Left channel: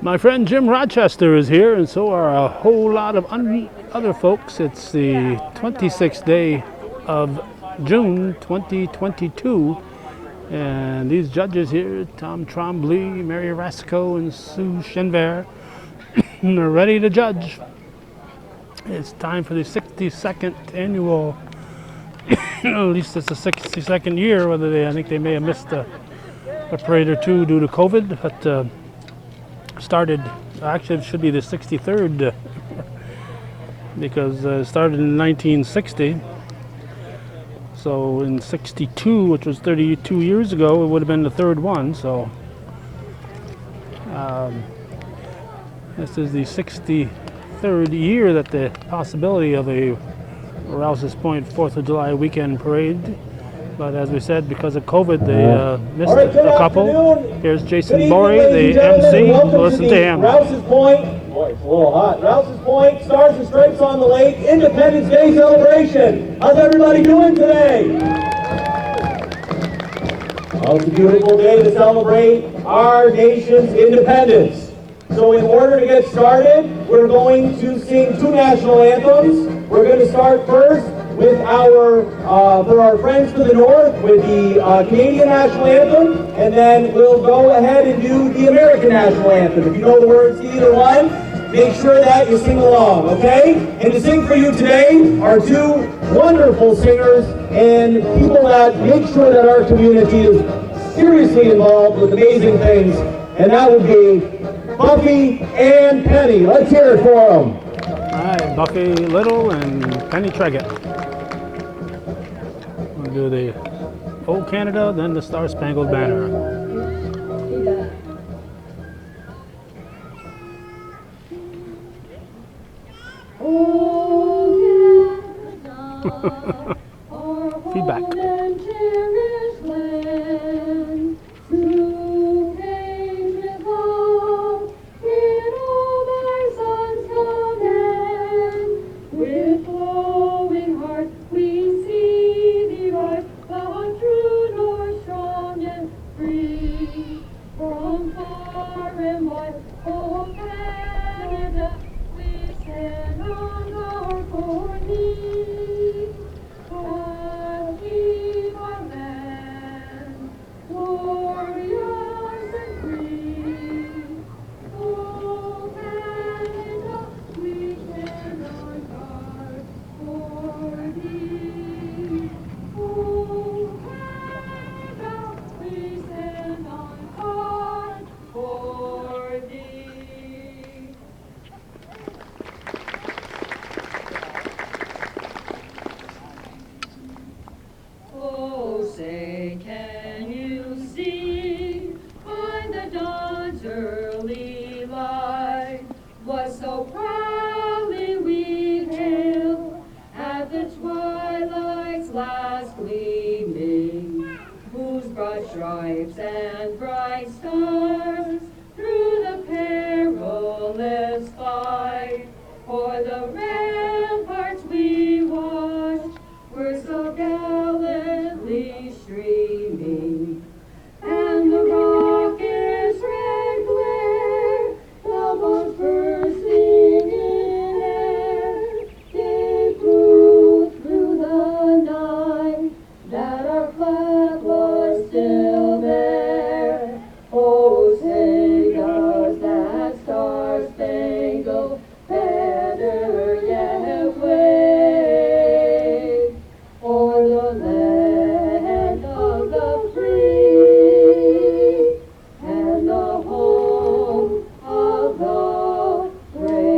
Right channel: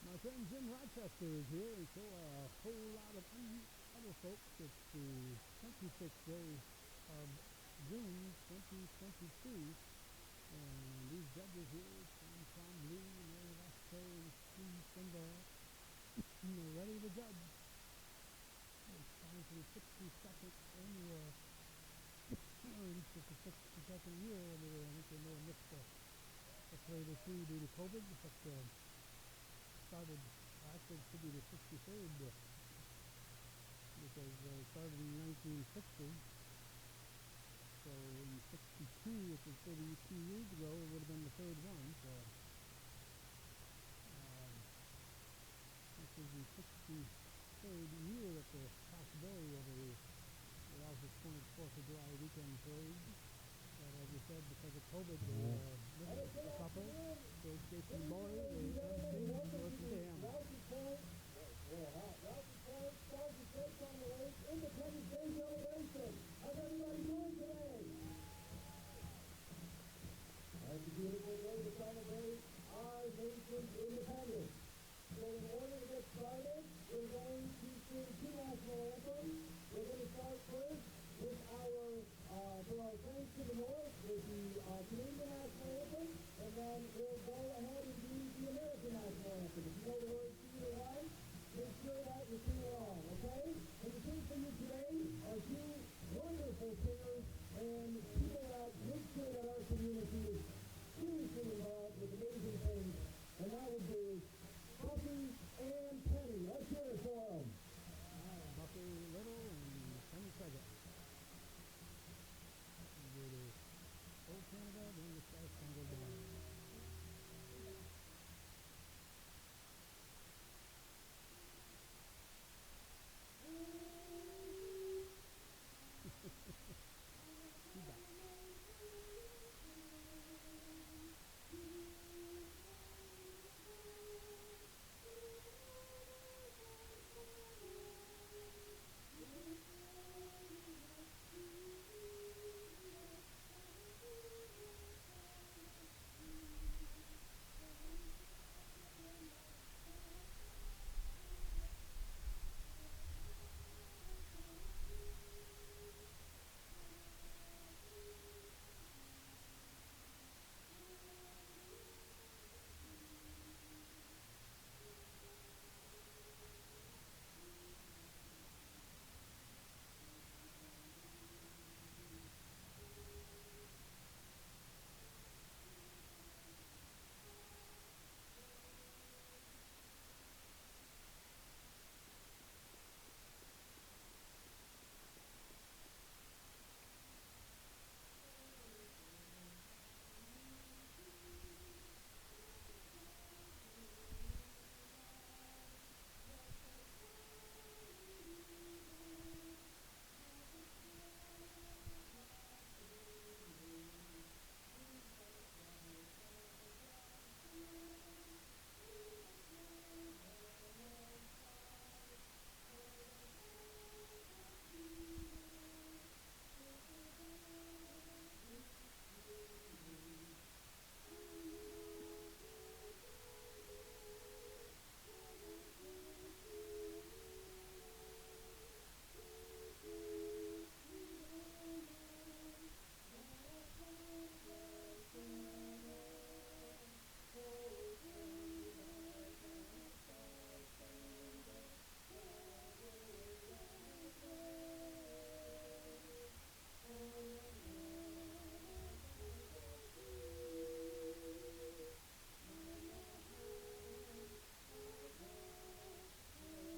My friend Jim Rochester is here, and so are a whole lot of other folks. It's the 26th day of June 2022, and these judges here, Tom Trombley, Mary Rasco, and Sue Shenver, are ready to judge. It's time for the 62nd annual, at least it's the 62nd year, I think they may have missed a parade or two due to COVID, but started, actually it should be the 63rd because it started in 1960. So in 62, which was 32 years ago, it would have been the third one. So this is the 63rd year that the possibility of a Rouses Point 4th of July weekend parade. But as we said, because of COVID, they missed a couple. Here's Jason Borey, the MC. Listen to him. Rouses Point, boy, it's a little hot. Rouses Point, Stars and Stripes on the Lake, Independence Day celebration. How's everybody doing today? Well, it's a beautiful day to celebrate our nation's independence. So in order to get started, we're going to sing two national anthems. We're going to start first with for our friends to the north, with the Canadian National Anthem, and then we'll go ahead and do the American National Anthem. If you know the words to either one, make sure that you sing along, okay? And to sing for you today are two wonderful singers and people that make sure that our community is seriously involved with amazing things, and that would be Buffy and Penny. Let's hear it for them. All right, Buffy Little and Penny Treggett. We'll do the Old Canada, then the Star Spangled Banner. Feedback. Stripes and bright stars through the perilous fight, for the ramparts we watched were so gallantly streaming, and the rocket's red glare, the bombs bursting in air, gave proof through the night that our flag was still there. Oh, say does that star-spangled banner yet wave o'er the land of the free and the home of the brave.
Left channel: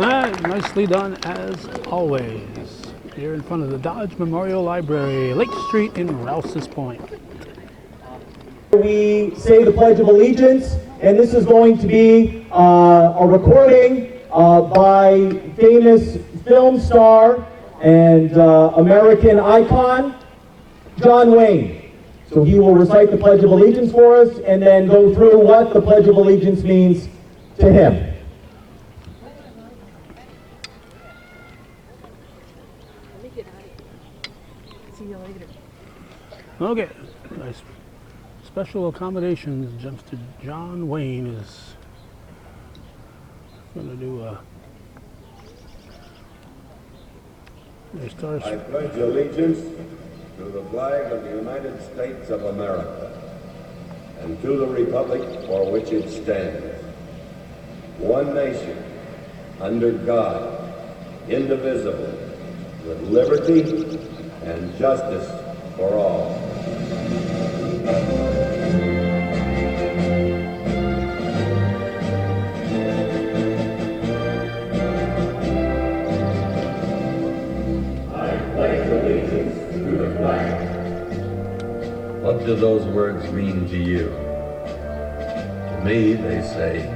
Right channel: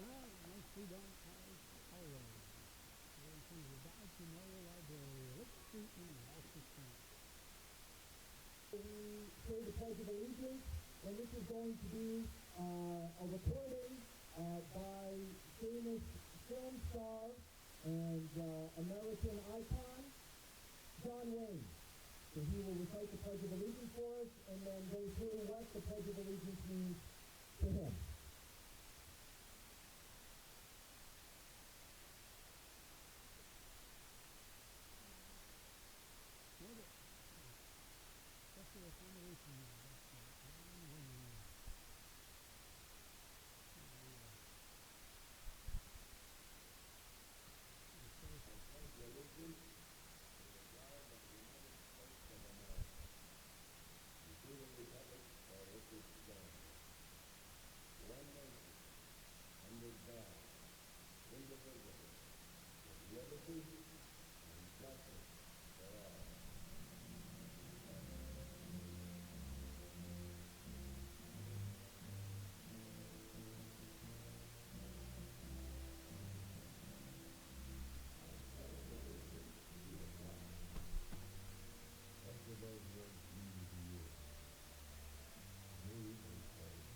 All right, nicely done as always. Here in front of the Dodge Memorial Library, Lake Street in Rouses Point. We say the Pledge of Allegiance, and this is going to be a recording by famous film star and American icon, John Wayne. So he will recite the Pledge of Allegiance for us and then go through what the Pledge of Allegiance means to him. Okay, nice. special accommodations, Mr. John Wayne is going to do a. He starts. I pledge allegiance to the flag of the United States of America and to the republic for which it stands, one nation, under God, indivisible, with liberty and justice for all. What do those words mean to you? To me, they say,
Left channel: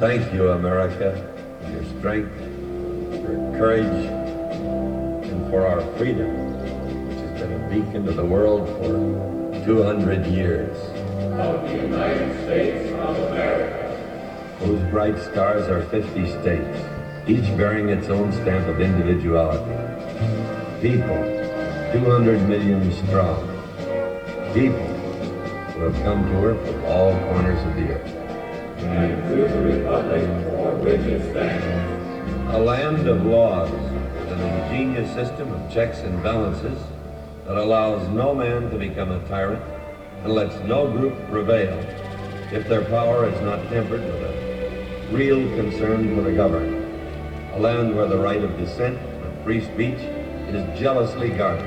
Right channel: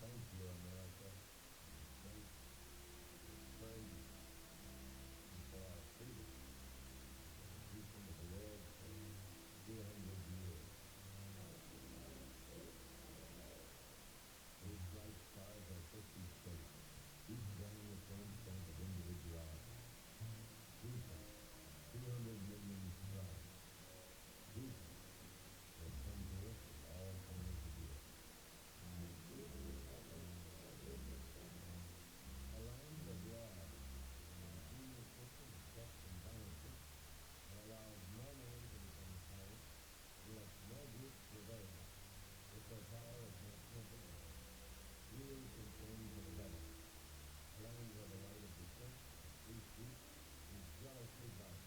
thank you, America, for your strength, for your courage, and for our freedom, which has been a beacon to the world for 200 years. Of the United States of America, Whose bright stars are 50 states, each bearing its own stamp of individuality. People, 200 million strong. People who have come to her from all corners of the earth. and to the republic for which it stands, A land of laws with an ingenious system of checks and balances that allows no man to become a tyrant and lets no group prevail if their power is not tempered with a real concern for the governed. A land where the right of dissent and free speech is jealously guarded,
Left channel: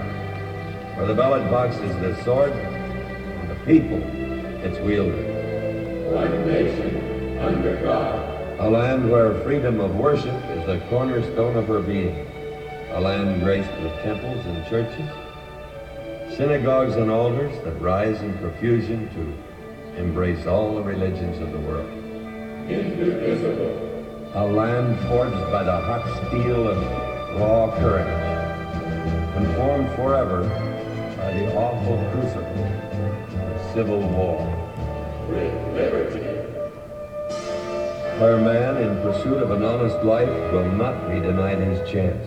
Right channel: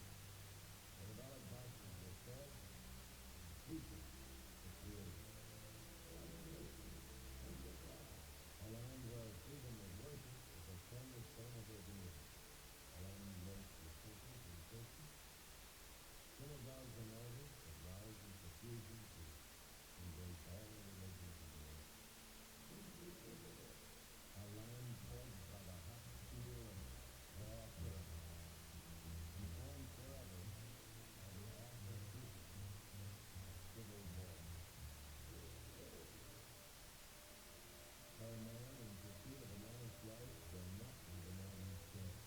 where the ballot box is the sword and the people its wielder. one nation, under God, A land where freedom of worship is the cornerstone of her being. A land graced with temples and churches, synagogues and altars that rise in profusion to embrace all the religions of the world. indivisible, A land forged by the hot steel of raw courage, and formed forever by the awful crucible of civil war. with liberty, Where man, in pursuit of an honest life, will not be denied his chance.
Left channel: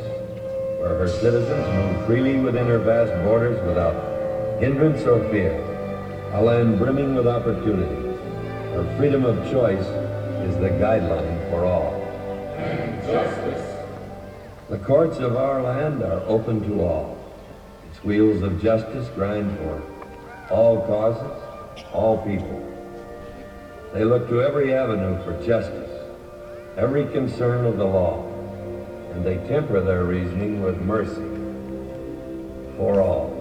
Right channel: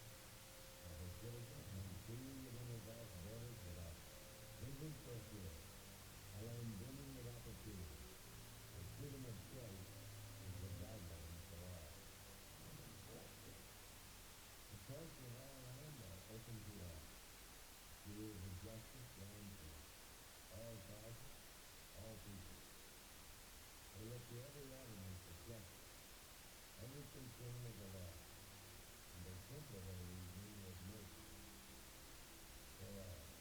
Where her citizens move freely within her vast borders without hindrance or fear. A land brimming with opportunity, where freedom of choice is the guideline for all. and justice, The courts of our land are open to all. Its wheels of justice grind for all causes, all people. They look to every avenue for justice, every concern of the law, and they temper their reasoning with mercy for all.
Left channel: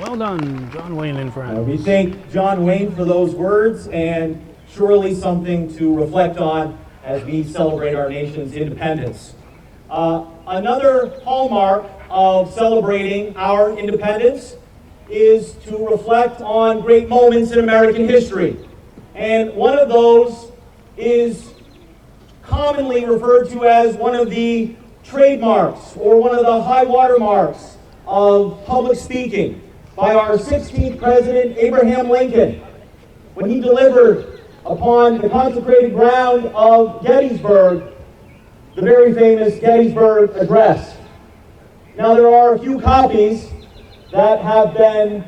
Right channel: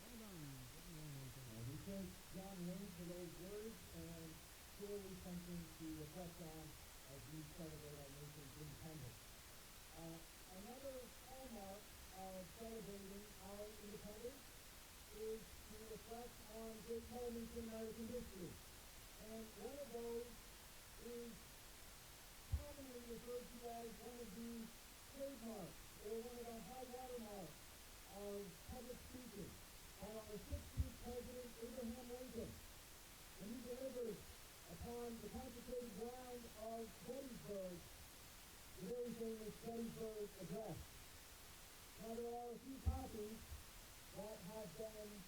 Well done, John Wayne and friends. We thank John Wayne for those words, and surely something to reflect on as we celebrate our nation's independence. Another hallmark of celebrating our independence is to reflect on great moments in American history. And one of those is commonly referred to as one of the trademarks or one of the high water marks of public speaking by our 16th President, Abraham Lincoln, when he delivered upon the consecrated ground of Gettysburg, the very famous Gettysburg Address. Now, there are a few copies that have been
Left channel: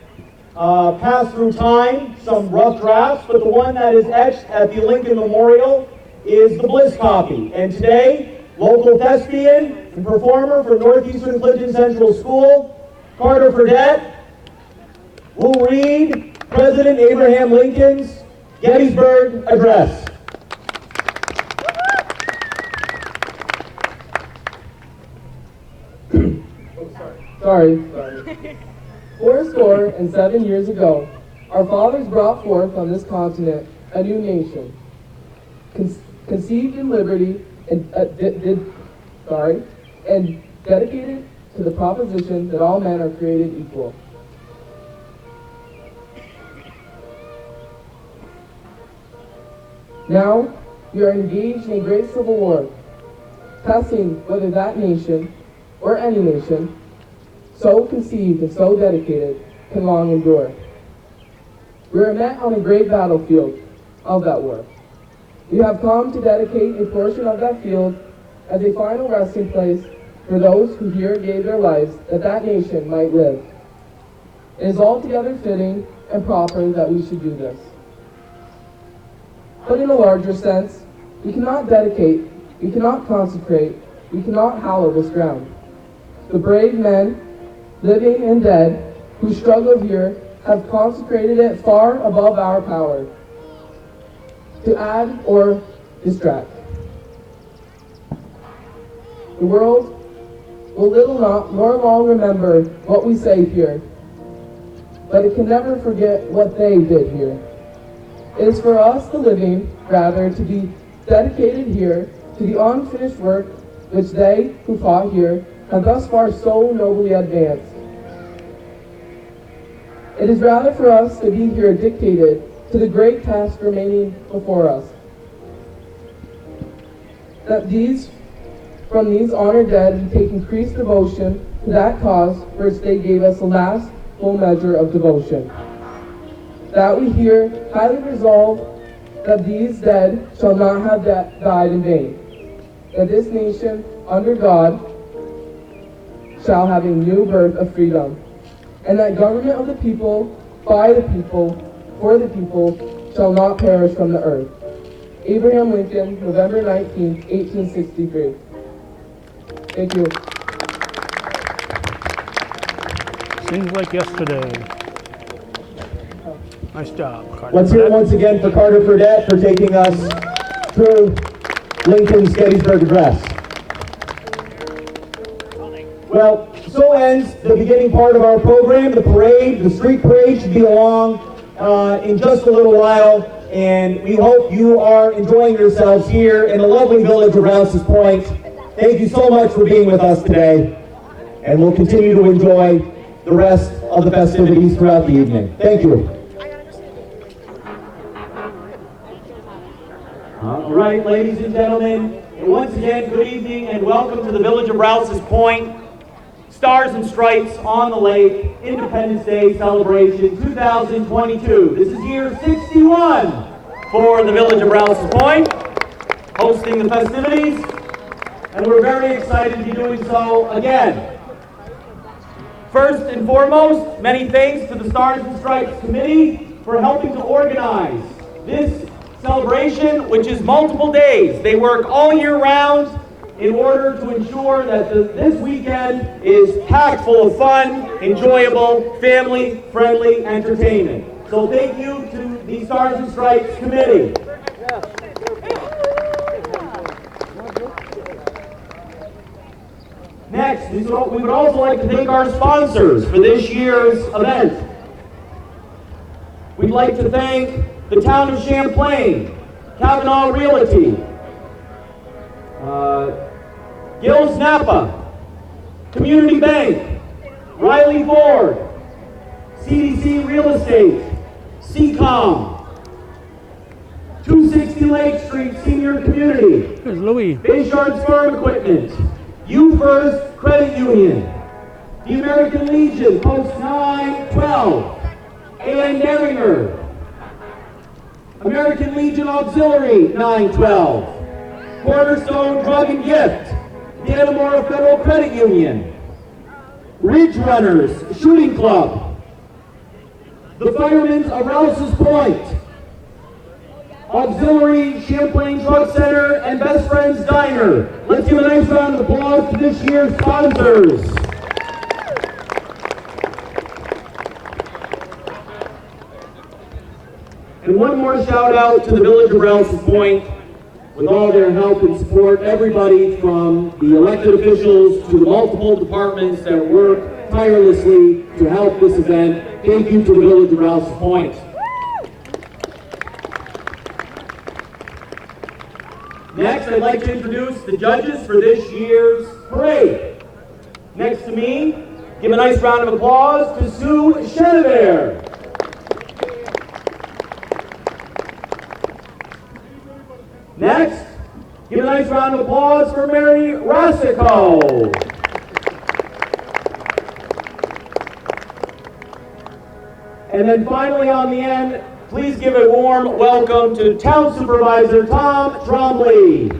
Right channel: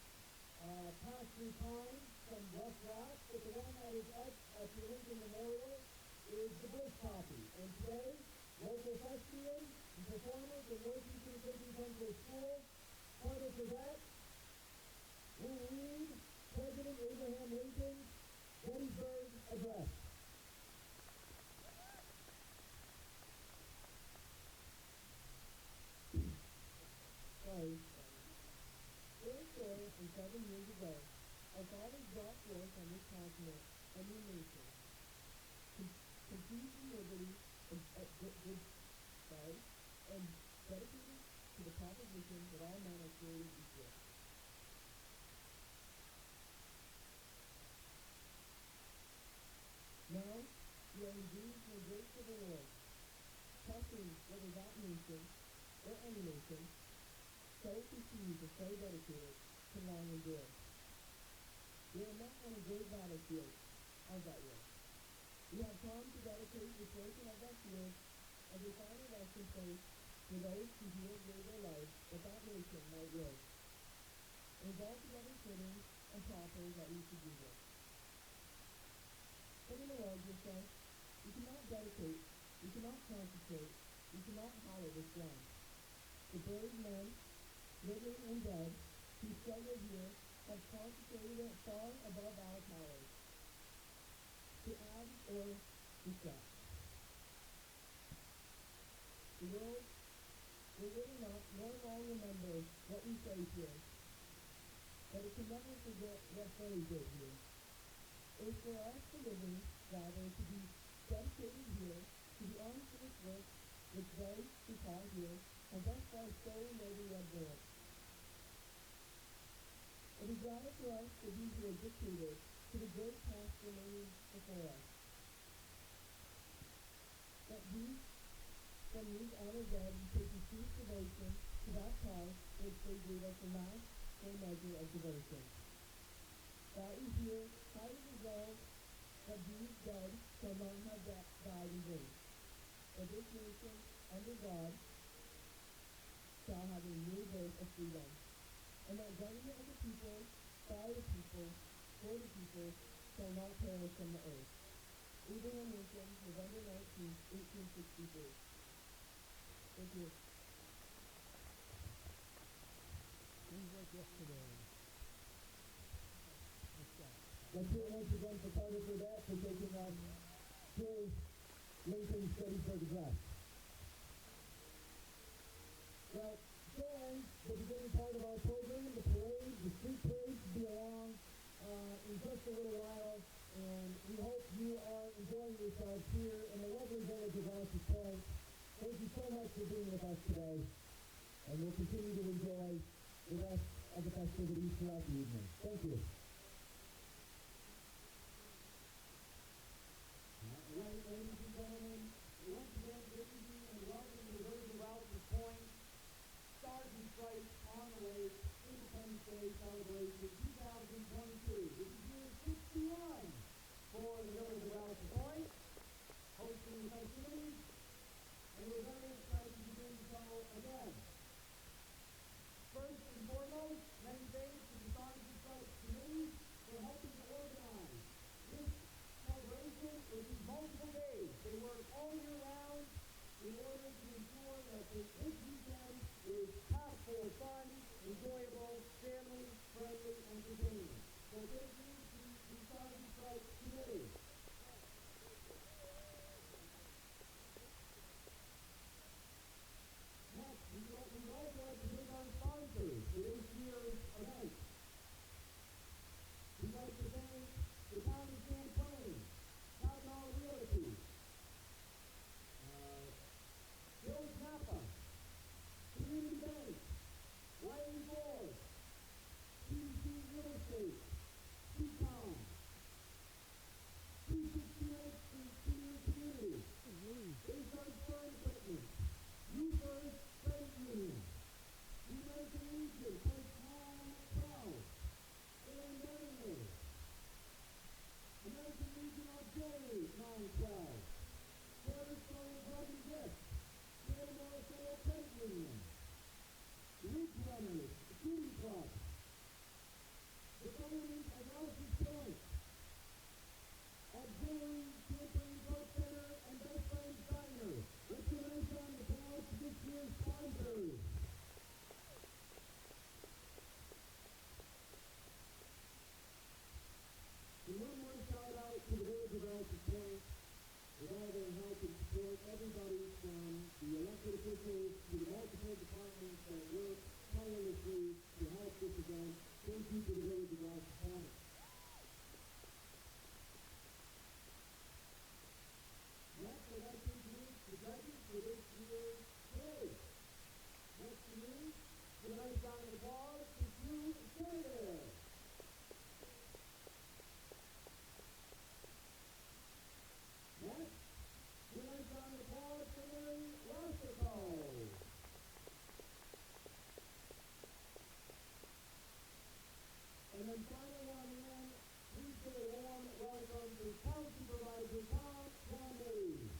passed through time, some rough drafts, but the one that is etched at the Lincoln Memorial is the Bliss copy. And today, local thespian and performer for Northeastern Clinton Central School, Carter Fredette, will read President Abraham Lincoln's Gettysburg Address. Sorry. 407 years ago, our fathers brought forth on this continent a new nation, conceived in liberty and dedicated to the proposition that all men are created equal. Now, we are engaged in a great civil war, testing whether that nation, or any nation, so conceived and so dedicated, can long endure. We are met on a great battlefield of that war. We have come to dedicate a portion of that field as a final resting place for those who here gave their lives that that nation might live. It is altogether fitting and proper that we should do this. But in a larger sense, we cannot dedicate, we cannot consecrate, we cannot hallow this ground. The brave men, living and dead, who struggle here have consecrated it far above our power to add or distract. The world will little nor long remember what we say here, but it can never forget what they did here. It is for us, the living, rather, to be dedicated here to the unfinished work which they who fought here have thus far so nobly advanced. It is rather for us to be here dictated to the great task remaining before us, that from these honored dead we take increased devotion to that cause for which they gave us the last full measure of devotion. That we here highly resolve that these dead shall not have died in vain, that this nation under God shall have a new birth of freedom, and that government of the people, by the people, for the people, shall not perish from the earth. Abraham Lincoln, November 19, 1863. Thank you. Seems like yesterday. Nice job, Carter. Let's hear it once again for Carter Fredette for taking us through Lincoln's Gettysburg Address. Well, so ends the beginning part of our program. The parade, the street parade, should be along in just a little while, and we hope you are enjoying yourselves here in the lovely village of Rouses Point. Thank you so much for being with us today, and we'll continue to enjoy the rest of the festivities throughout the evening. Thank you. All right, ladies and gentlemen, and once again, good evening and welcome to the village of Rouses Point. Stars and Stripes on the Lake Independence Day Celebration 2022. This is year 61 for the village of Rouses Point, hosting the festivities, and we're very excited to be doing so again. First and foremost, many thanks to the Stars and Stripes Committee for helping to organize this celebration, which is multiple days. They work all year round in order to ensure that this weekend is packed full of fun, enjoyable, family-friendly entertainment. So thank you to the Stars and Stripes Committee. Next, we would also like to thank our sponsors for this year's event. We'd like to thank the Town of Champlain, Kavanaugh Realty, Gills Napa, Community Bank, Riley Ford, CDC Real Estate, CCOM, 260 Lake Street Senior Community, Here's Louis. Bayshard's Farm Equipment, You First Credit Union, The American Legion, post 912, A.N. Derringer. American Legion Auxiliary, 912. Cornerstone Drug and Gift, Dannemora Federal Credit Union. Ridge Runners Shooting Club. The Firemen's of Rouses Point. Auxiliary Champlain Drug Center and Best Friends Diner. Let's give a nice round of applause to this year's sponsors. And one more shout out to the Village of Rouses Point with all their help and support, everybody from the elected officials to the multiple departments that work tirelessly to help this event. Thank you to the Village of Rouses Point. Next, I'd like to introduce the judges for this year's parade. Next to me, give a nice round of applause to Sue Chenevert. Next, give a nice round of applause for Mary Rossico. And then finally on the end, please give a warm welcome to Town Supervisor Tom Trombley.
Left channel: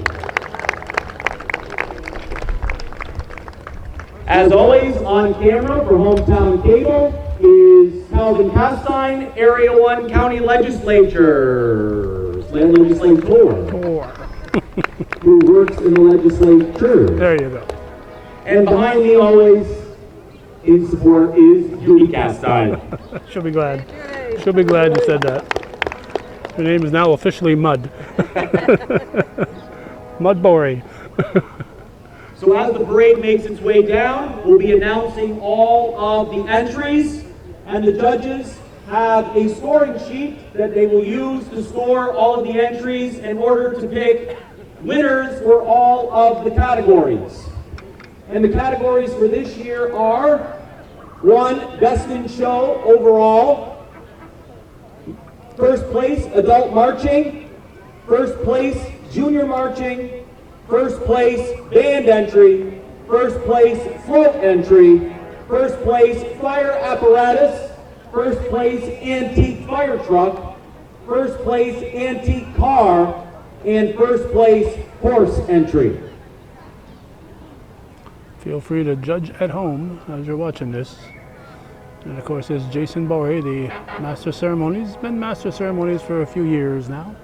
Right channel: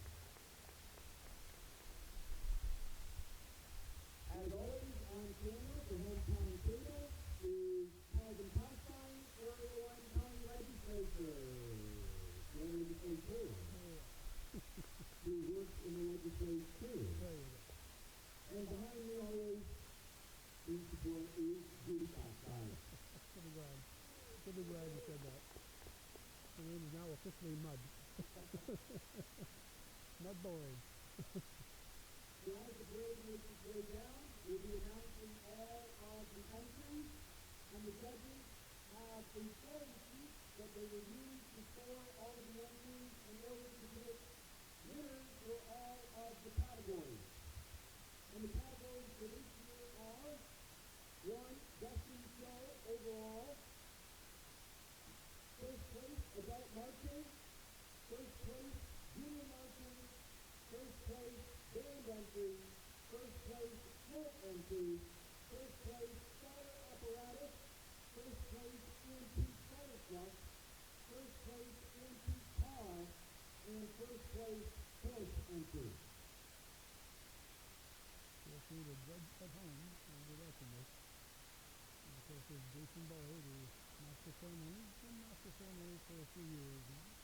As always, on camera for Hometown Cable is Calvin Castine, Area 1 County Legislature. Who works in the legislature. There you go. And behind me always in support is Judy Castine. She'll be glad. She'll be glad you said that. Her name is now officially Mud. Mud Bory. So as the parade makes its way down, we'll be announcing all of the entries, and the judges have a scoring sheet that they will use to score all of the entries in order to pick winners for all of the categories. And the categories for this year are 1, Best in Show overall, first place, Adult Marching, first place, Junior Marching, first place, Band Entry, first place, Float Entry, first place, Fire Apparatus, first place, Antique Fire Truck, first place, Antique Car, and first place, Horse Entry. Feel free to judge at home as you're watching this. And of course, there's Jason Bory, the Master of Ceremonies. He's been Master of Ceremonies for a few years now.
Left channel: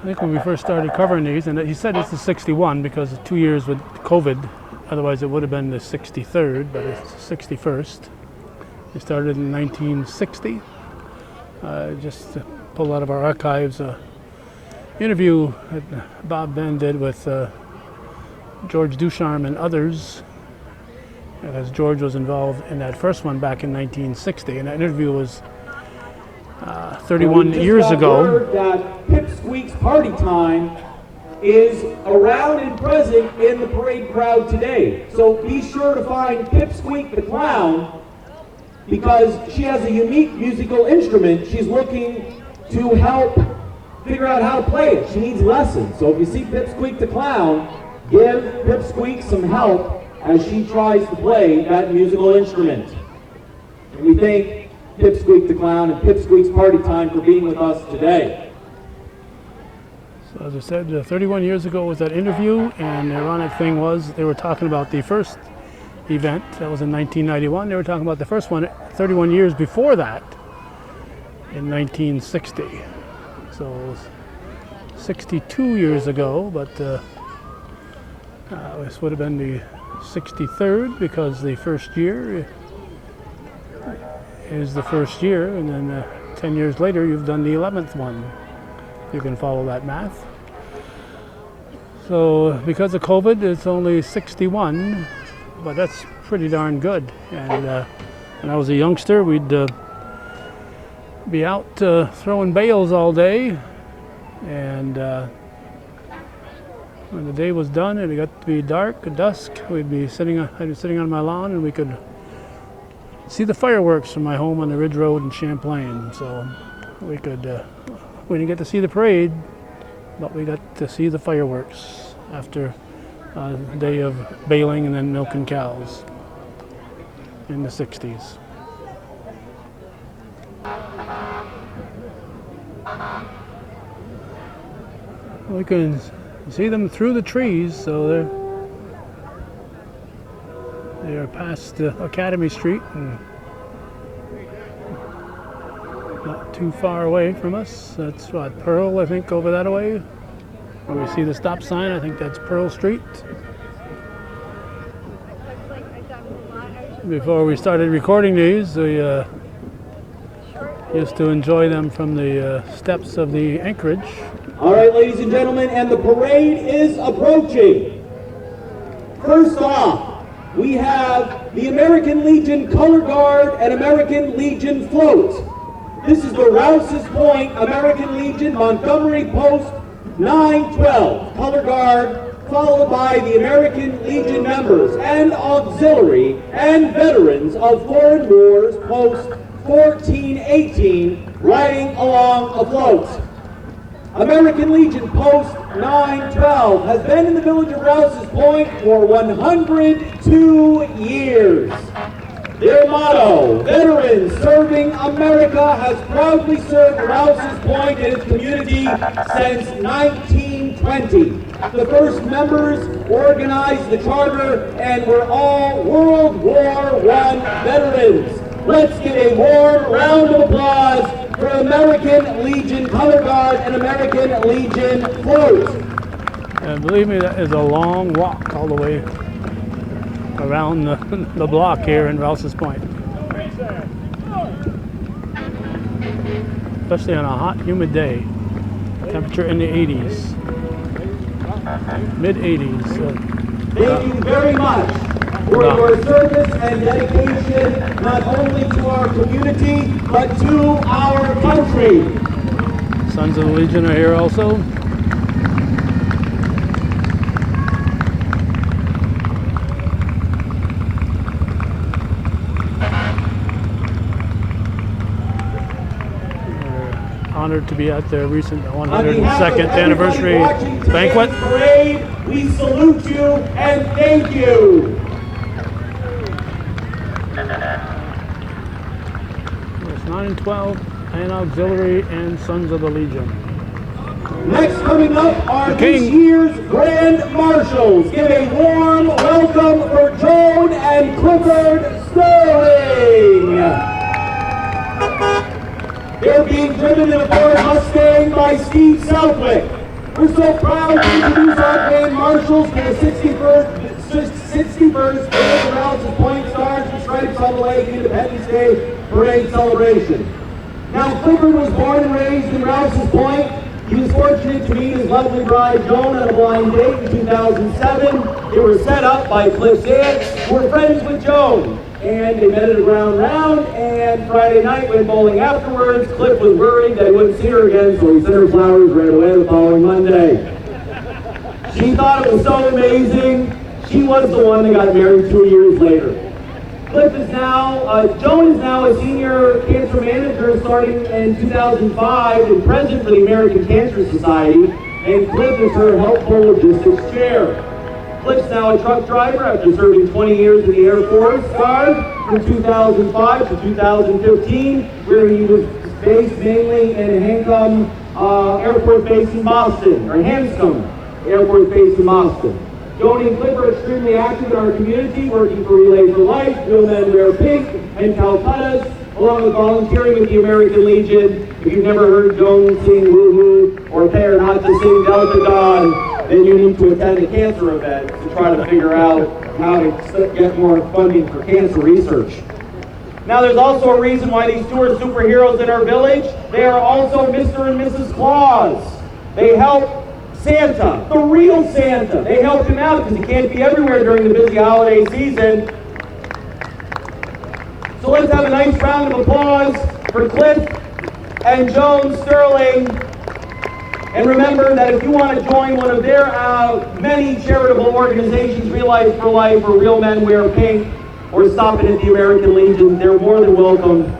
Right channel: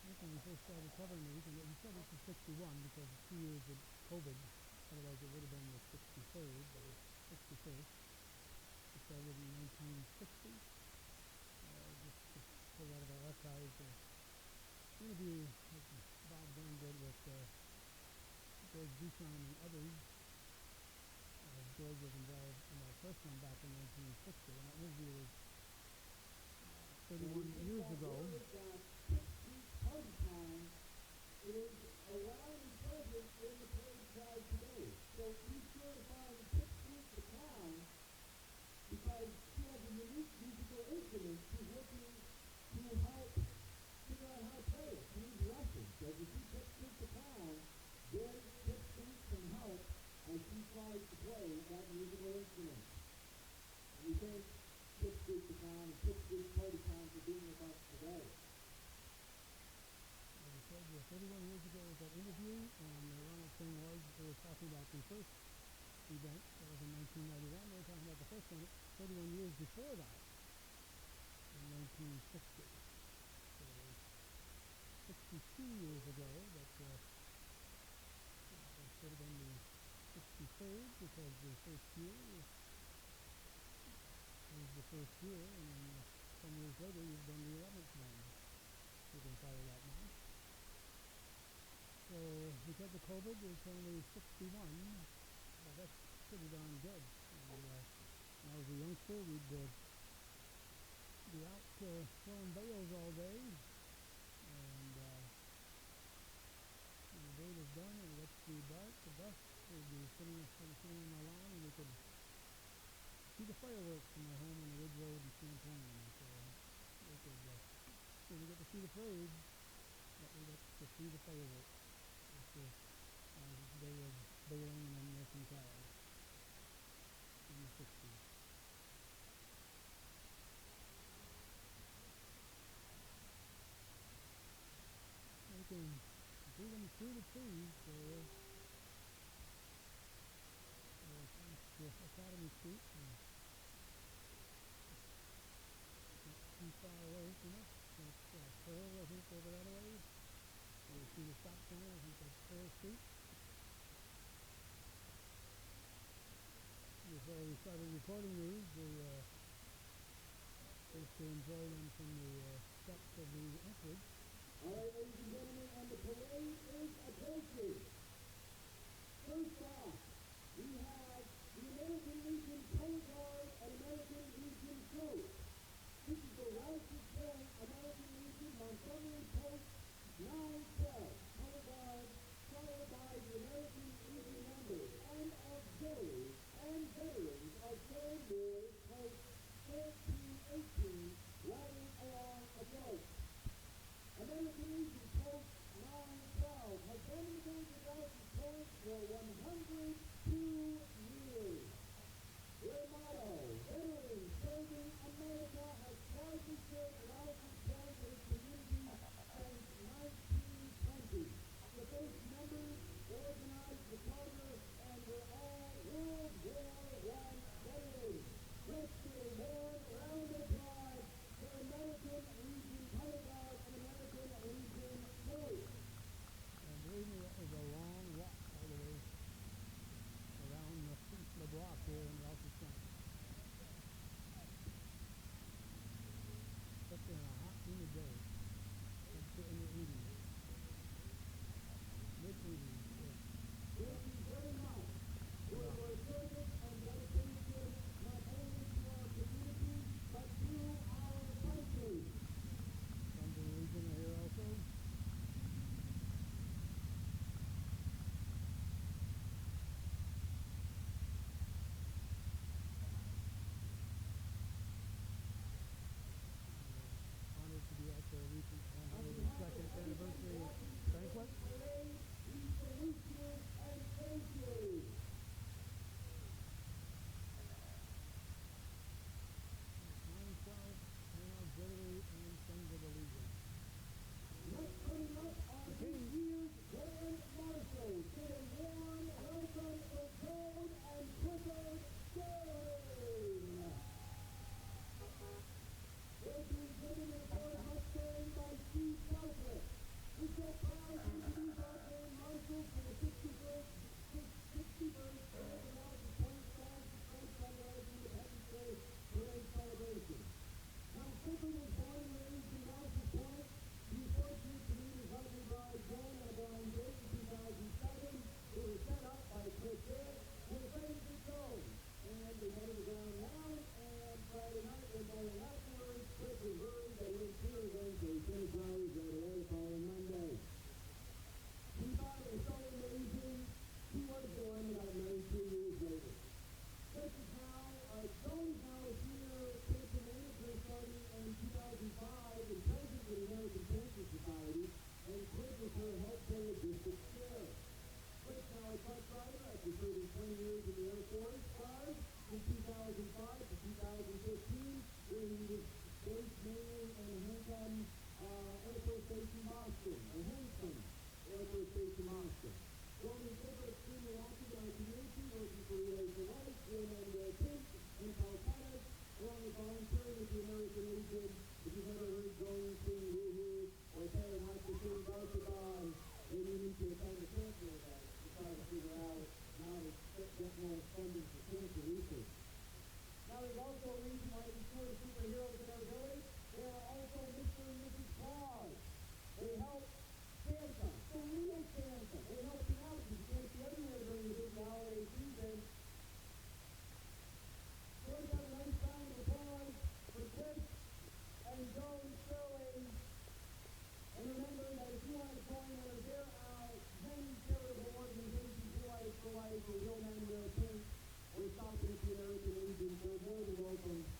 I think when we first started covering these, and he said it's the 61 because of 2 years with COVID, otherwise it would have been the 63rd, but it's the 61st. He started in 1960. Just to pull out of our archives, interview that Bob Ben did with George Ducharme and others, as George was involved in that first one back in 1960, and that interview was 31 years ago. That Pipsqueak's Party Time is around and present in the parade crowd today. So be sure to find Pipsqueak the Clown, because she has a unique musical instrument. She's looking to help figure out how to play it. She needs lessons. So if you see Pipsqueak the Clown, give Pipsqueak some help as she tries to play that musical instrument. And we thank Pipsqueak the Clown and Pipsqueak's Party Time for being with us today. So as I said, 31 years ago was that interview, and the ironic thing was they were talking about the first event, that was in 1991. They were talking about the first one 31 years before that, in 1960. So 62 years ago, but this would have been the 63rd, because the first year is the first year, and then 10 years later you've done the 11th one. You can follow that math. So because of COVID, it's only 61, but that's pretty darn good. And when I was a youngster, we'd be out throwing bales all day, and when the day was done and it got to be dark, dusk, I'd be sitting on my lawn, and we could see the fireworks from my home on the Ridge Road in Champlain. So we didn't get to see the parade, but we got to see the fireworks after day of baling and then milking cows in the 60s. We can see them through the trees, so they are past Academy Street and not too far away from us. That's what, Pearl, I think, over that way. Where we see the stop sign, I think that's Pearl Street. Before we started recording these, we used to enjoy them from the steps of the Anchorage. All right, ladies and gentlemen, and the parade is approaching. First off, we have the American Legion Color Guard and American Legion Float. This is the Rouses Point American Legion Montgomery Post 912 Color Guard, followed by the American Legion members and auxiliary and veterans of foreign wars Post 1418 riding along afloat. American Legion Post 912 has been in the village of Rouses Point for 102 years. Their motto, Veterans Serving America, has proudly served Rouses Point and its community since 1920. The first members organized the charter and were all World War I veterans. Let's give a warm round of applause for American Legion Color Guard and American Legion Float. And believe me, that is a long walk all the way around the block here in Rouses Point. Especially on a hot, humid day. Temperature in the 80s. Mid-80s. Thank you very much for your service and dedication, not only to our community, but to our country. Sons of the Legion are here also. Honored to be at their recent 102nd anniversary banquet. Parade, we salute you and thank you. It's 912 and auxiliary and Sons of the Legion. Next coming up are this year's Grand Marshals. Give a warm welcome for Joan and Clifford Sterling. They're being driven in a Ford Mustang by Steve Southwick. We're so proud to introduce our Grand Marshals for the 61st Rouses Point Stars and Stripes on the Lake Independence Day Parade celebration. Now, Clifford was born and raised in Rouses Point. He was fortunate to meet his lovely bride, Joan, on a blind date in 2007. They were set up by Cliff's aunt, who were friends with Joan. And they met at a ground round, and Friday night went bowling afterwards. Cliff was worried that he wouldn't see her again, so he sent her flowers right away the following Monday. She thought it was so amazing. She was the one that got married 2 years later. Joan is now a senior cancer manager starting in 2005 and president for the American Cancer Society, and Cliff is her helpful logistics chair. Cliff's now a truck driver after serving 20 years in the Air Force Guard from 2005 to 2015, where he was based mainly in Hanscom Air Force Base in Boston, or Hanscom Air Force Base in Boston. Joan and Cliff are extremely active in our community, working for Relay for Life, Real Men Wear Pink, and Calcutta's, along with volunteering with the American Legion. If you've never heard Joan sing Woo-Hoo or pay her not to sing Delta Dawn, then you need to attend a cancer event to try to figure out how to get more funding for cancer research. Now, there's also a reason why these two are superheroes in our village. They are also Mr. and Mrs. Claus. They help Santa, the real Santa. They help him out because he can't be everywhere during the busy holiday season. So let's have a nice round of applause for Cliff and Joan Sterling. And remember that if you want to join one of their many charitable organizations, Real Life for Life or Real Men Wear Pink, or stop it at the American Legion, they're more than welcome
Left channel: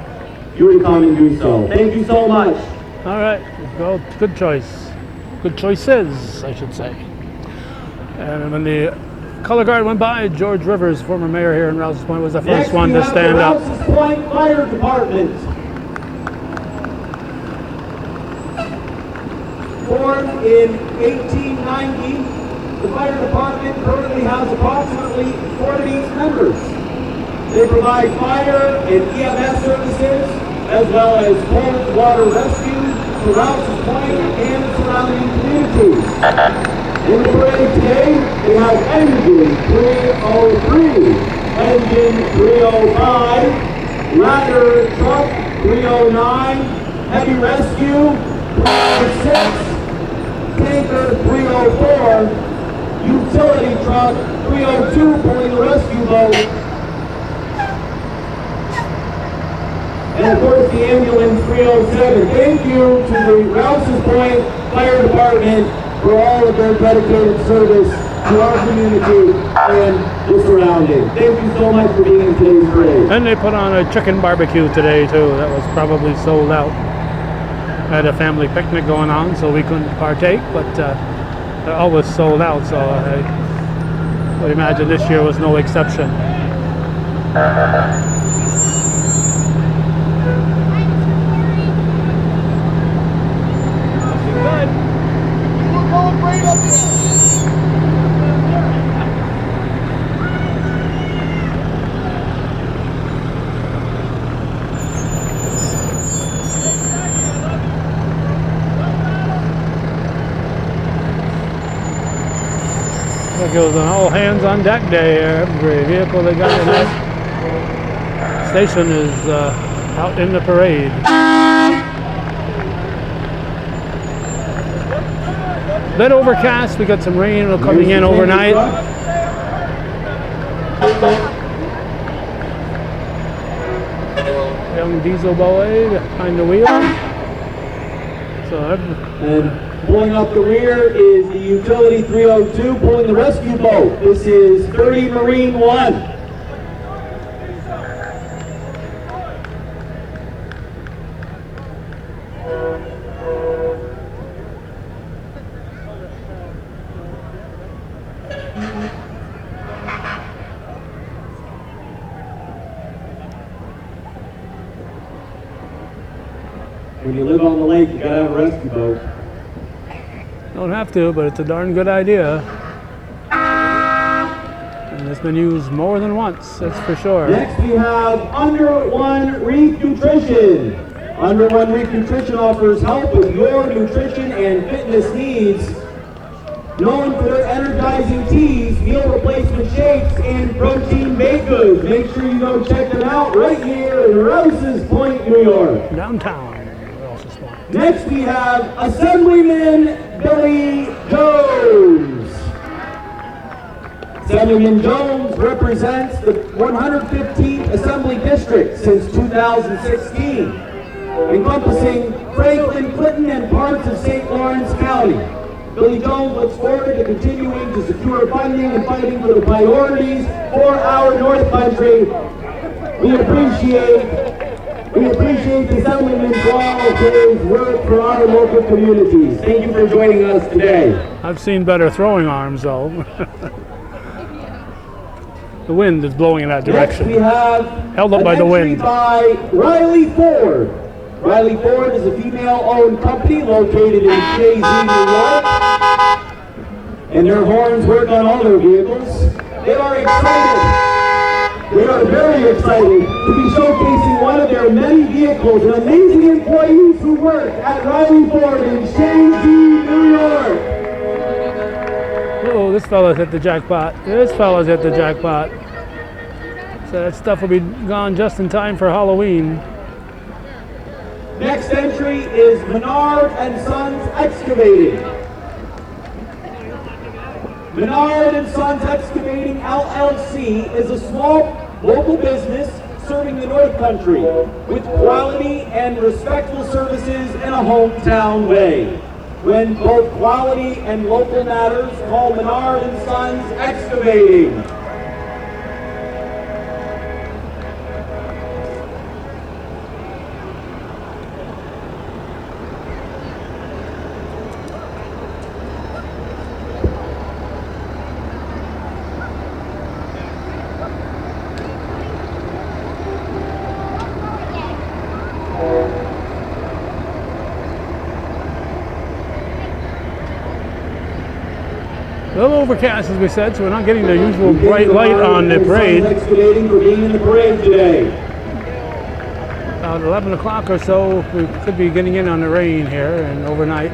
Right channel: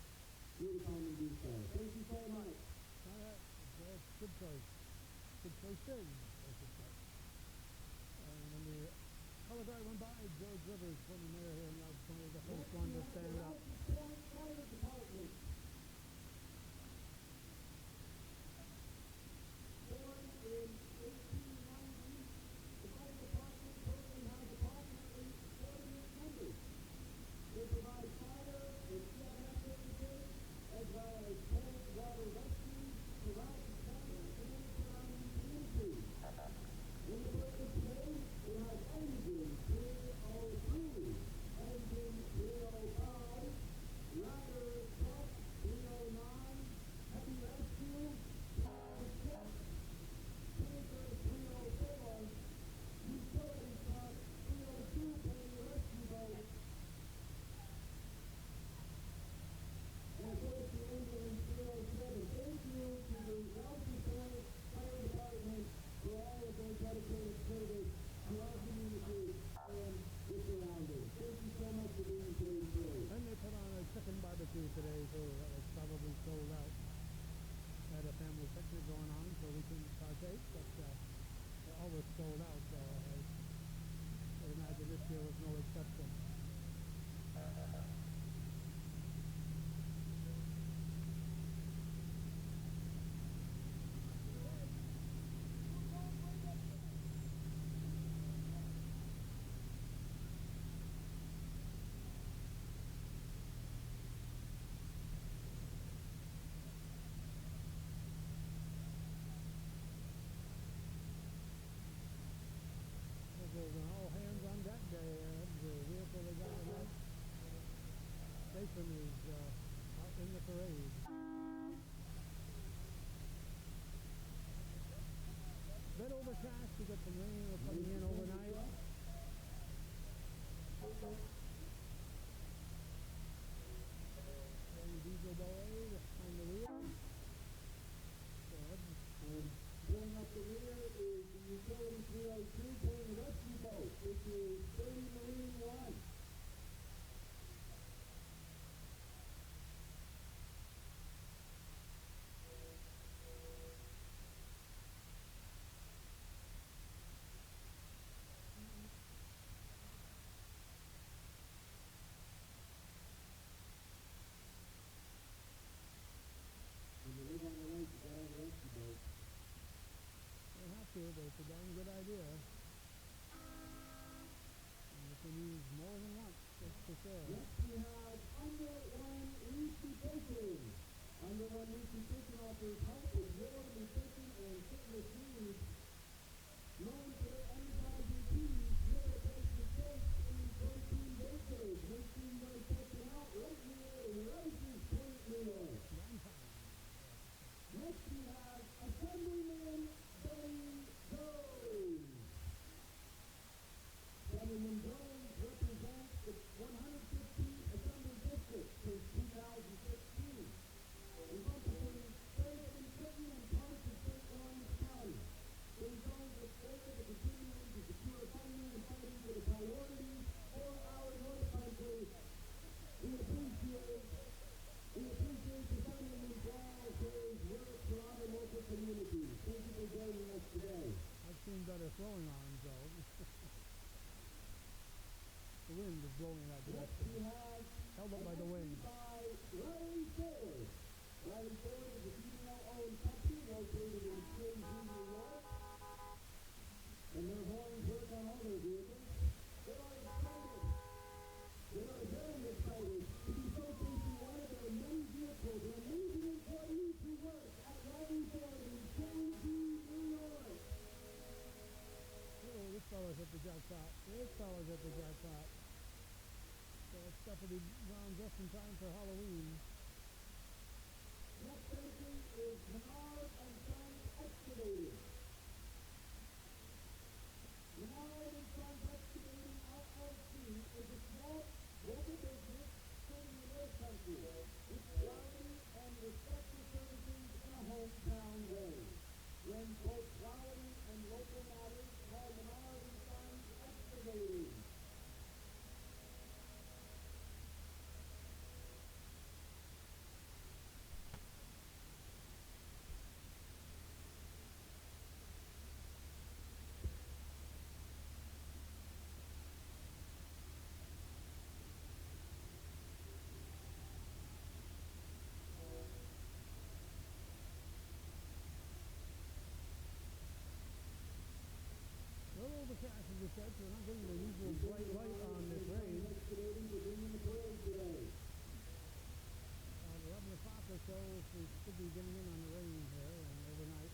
you to come and do so. Thank you so much. All right, well, good choice. Good choices, I should say. And when the color guard went by, George Rivers, former mayor here in Rouses Point, was the first Next, one we to have stand the up. Rouses Point Fire Department. Formed in 1890, the fire department currently has approximately 40 members. They provide fire and EMS services, as well as cold water rescue for Rouses Point and surrounding communities. In the parade today, we have Engine 303, Engine 305, Ladder Truck 309, Heavy Rescue 306, Tanker 304, Utility Truck 302 pulling the rescue boat, and of course the Ambulance 307. Thank you to the Rouses Point Fire Department for all of their dedicated service to our community and the surrounding. Thank you so much for being in today's parade. And they put on a chicken barbecue today too. That was probably sold out. Had a family picnic going on, so we couldn't partake, but they're always sold out, so I would imagine this year was no exception. It was an all hands on deck day. Every vehicle they got in that station is out in the parade. Bit overcast. We got some rain coming in overnight. Young diesel boy behind the wheel. So And pulling up the rear is the Utility 302 pulling the rescue boat. This is 30 Marine 1. When you live on the lake, you gotta have a rescue boat. don't have to, but it's a darn good idea. And it's been used more than once, that's for sure. Next we have Under One Reef Nutrition. Under One Reef Nutrition offers help with your nutrition and fitness needs. Known for their energizing teas, meal replacement shakes, and protein baked goods. Make sure you go check them out right here in Rouses Point, New York. Downtown Rouses Point. Next we have Assemblyman Billy Jones. Assemblyman Jones represents the 115th Assembly District since 2016, encompassing Franklin, Clinton, and parts of St. Lawrence County. Billy Jones looks forward to continuing to secure funding and fighting for the priorities for our North Country. We appreciate the Assemblyman for all of his work for our local communities. Thank you for joining us today. I've seen better throwing arms though. The wind is blowing in that direction. Next we have held up by the wind. By Riley Ford. Riley Ford is a female-owned company located in Shazy, New York, and their horns work on all their vehicles. They are excited. They are very excited to be showcasing one of their many vehicles and amazing employees who work at Riley Ford in Shazy, New York. Oh, this fella's hit the jackpot. This fella's hit the jackpot. So that stuff will be gone just in time for Halloween. Next entry is Menard and Sons Excavating. Menard and Sons Excavating LLC is a small local business serving the North Country with quality and respectful services in a hometown way. When both quality and local matters, call Menard and Sons Excavating. A little overcast, as we said, so we're not getting the usual bright light on the parade. Excavating for being in the parade today. About 11 o'clock or so, we could be getting in on the rain here and overnight.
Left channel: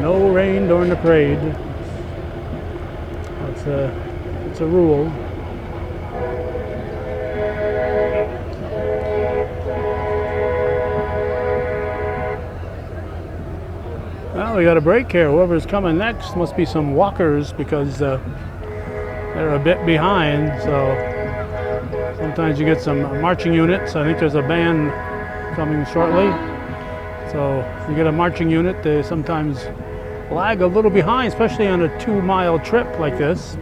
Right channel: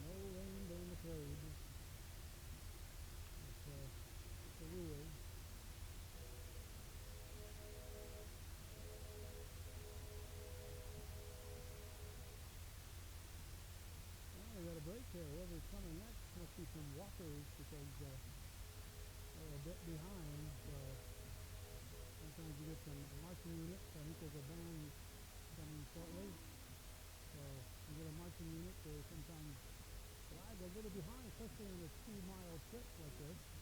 No rain during the parade. It's a rule. Well, we got a break here. Whoever's coming next must be some walkers because they're a bit behind. So sometimes you get some marching units. I think there's a band coming shortly. So if you get a marching unit, they sometimes lag a little behind, especially on a 2-mile trip like this.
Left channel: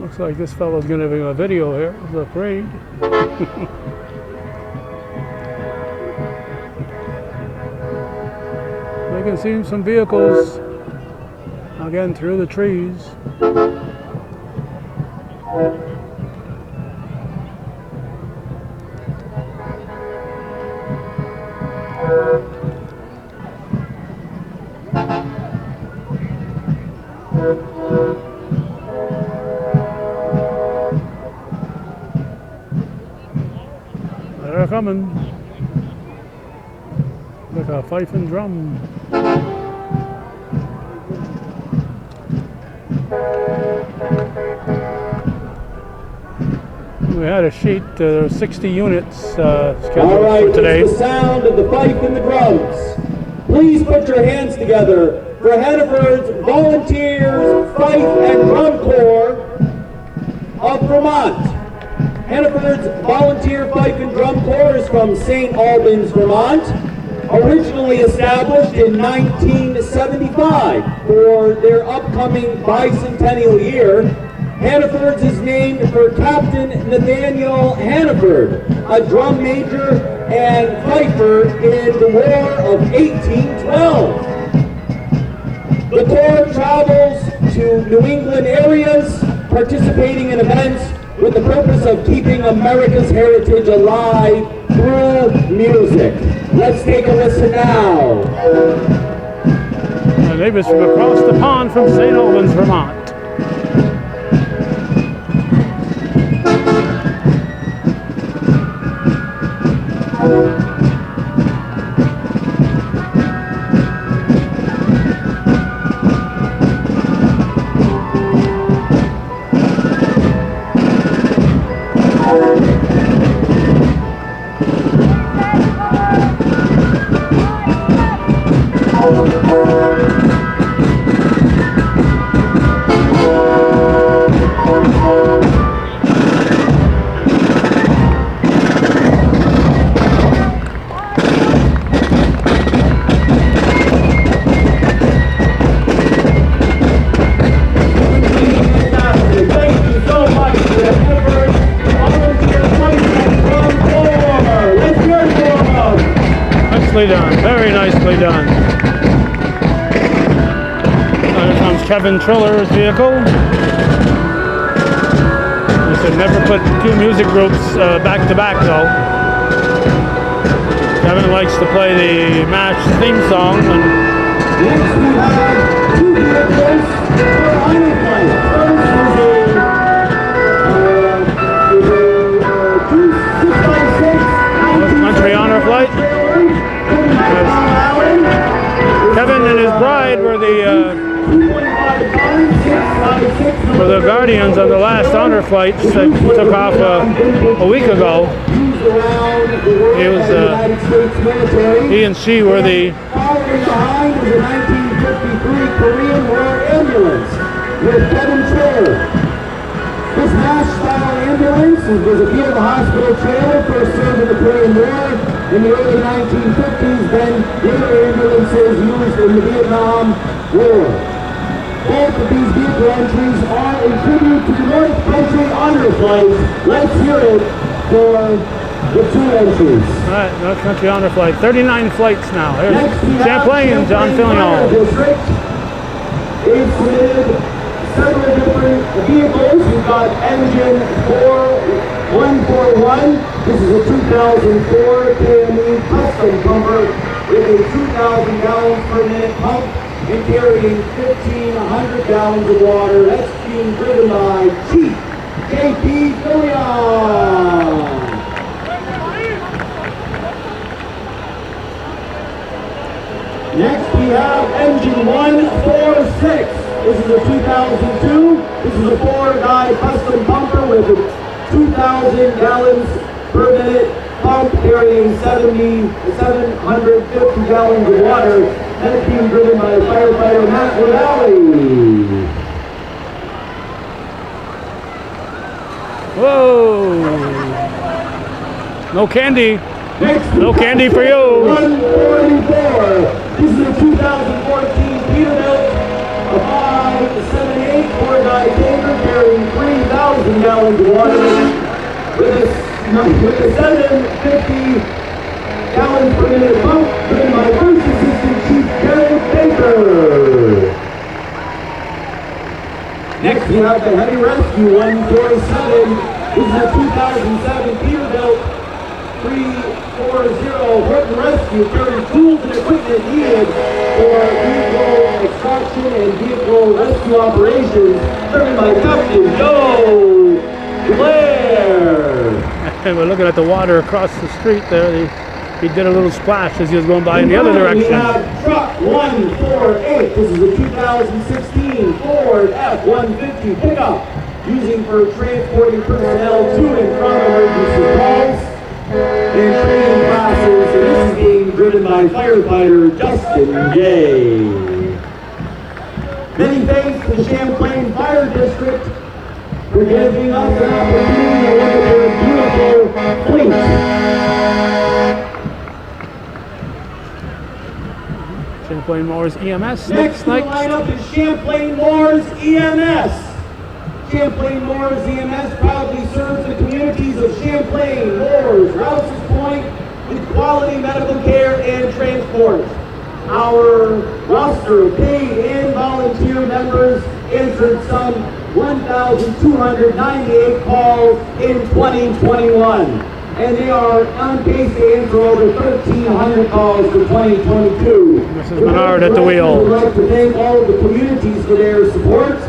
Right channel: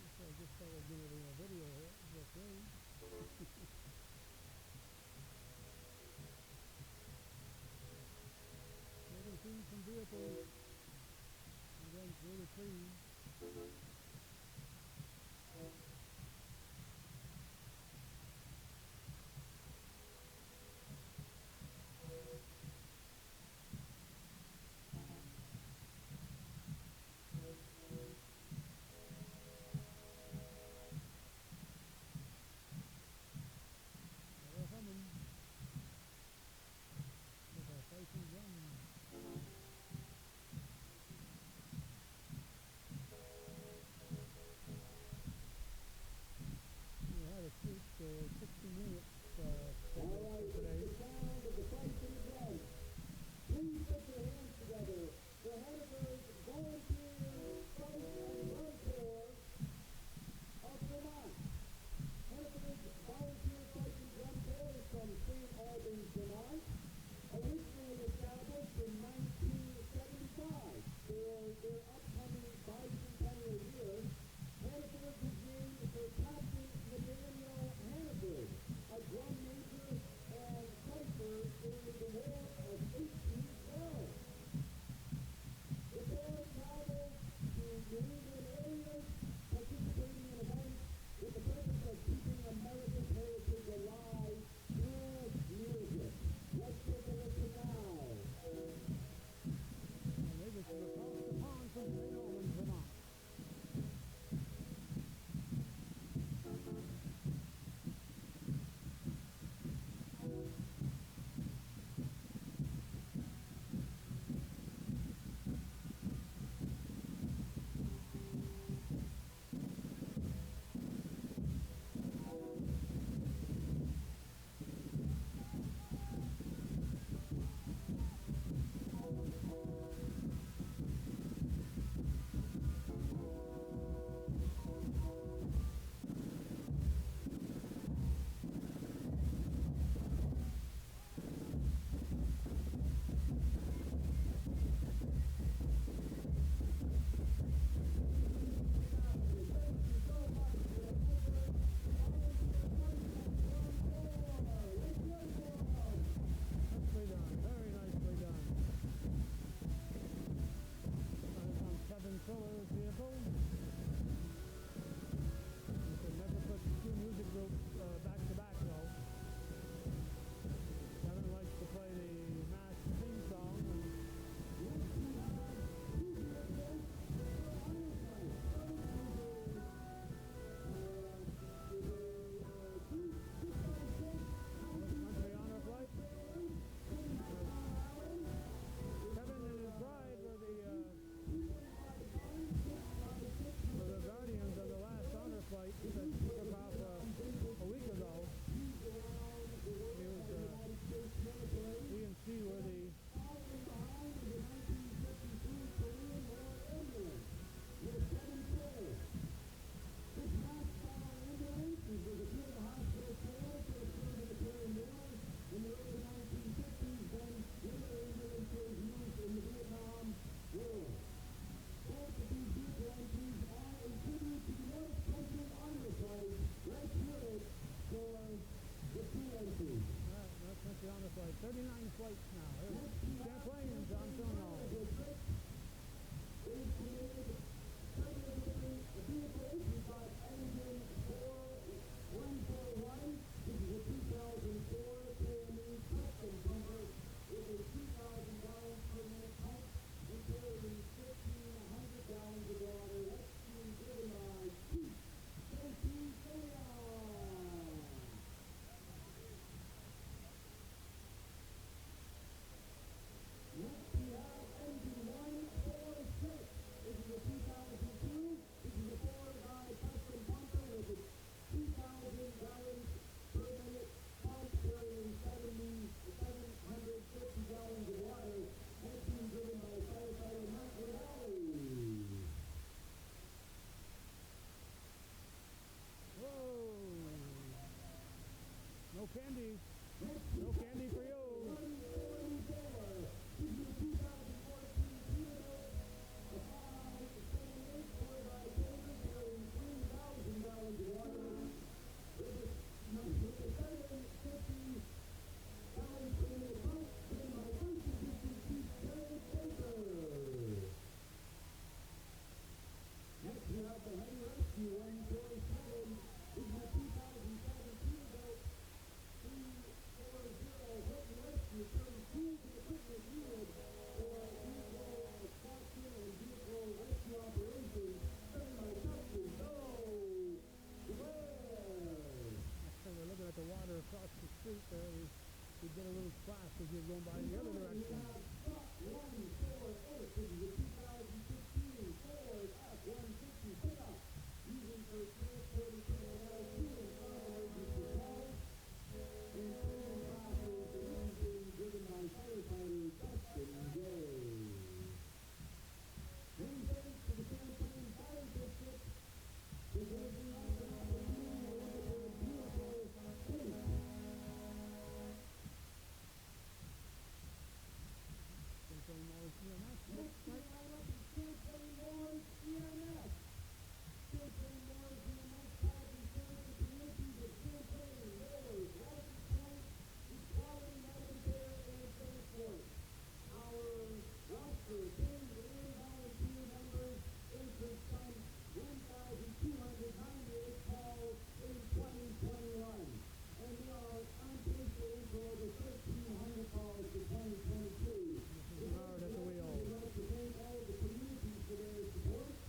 Looks like this fellow's going to have a video here of the parade. I can see some vehicles again through the trees. They're coming. Like a fife and drum. We had a sheet, 60 units scheduled All right, for today. it's the sound of the fife and the drums. Please put your hands together for Hannaford's Volunteers Fife and Drum Corps of Vermont. Hannaford's Volunteer Fife and Drum Corps is from St. Albans, Vermont. Originally established in 1975 for their upcoming bicentennial year. Hannaford's is named for Captain Nathaniel Hannaford, a drum major and fifer in the War of 1812. The Corps travels to New England areas, participating in events with the purpose of keeping America's heritage alive through music. Let's take a listen now. Our neighbors from across the pond from St. Albans, Vermont. Nicely done, very nicely done. Here comes Kevin Triller's vehicle. He said never put two music groups back to back though. Kevin likes to play the MASH theme song. And Next we have two vehicles for Honor Flight. First is a 656 Country Honor Flight. Kevin and his bride were the guardians on the last honor flights that took off a week ago. He and she were the. Following behind is a 1953 Korean War ambulance with Kevin Triller. This MASH-style ambulance was a vehicle hospital trailer first served in the Korean War in the early 1950s, then later ambulances used in the Vietnam War. Both of these vehicle entries are a tribute to the North Country Honor Flight. Let's hear it for the two entries. All right, North Country Honor Flight. 39 flights now. Here's Next we have Champlain, John Fillion. District. They've submitted several different vehicles. We've got engine 4141. This is a 2004 KME custom pumper with a 2,000 gallons per minute pump and carrying 1,500 gallons of water. That's being driven by Chief J.P. Filion. Next we have engine 146. This is a 2002. This is a 4-guy custom pumper with a 2,000 gallons per minute pump carrying 750 gallons of water. And it's being driven by firefighter Matt Lavalley. Whoa! No candy. Next, No candy for you. 144. This is a 2014 Peterbilt, a 578 4-guy tanker carrying 3,000 gallons of water with a 750 gallons per minute pump driven by First Assistant Chief Jared Baker. Next, we have the Heavy Rescue 147. This is a 2007 Peterbilt 340 Horton Rescue carrying tools and equipment needed for vehicle extraction and vehicle rescue operations, driven by Captain Joe Blair. We're looking at the water across the street there. He did a little splash as he was going by in the other direction. We have truck 148. This is a 2016 Ford F-150 pickup using for transporting personnel to and from emergency calls and training classes. And this is being driven by firefighter Justin Gay. Many thanks to the Champlain Fire District for giving us an opportunity to look at their beautiful fleet. Champlain Moore's EMS. Next in the lineup is Champlain Moore's EMS. Champlain Moore's EMS proudly serves the communities of Champlain, Moores, Rouses Point with quality medical care and transport. Our roster of paid and volunteer members answered some 1,298 calls in 2021. And they are on pace to answer over 1,300 calls for 2022. Mrs. Menard at the wheel. We'd like to thank all of the communities for their support.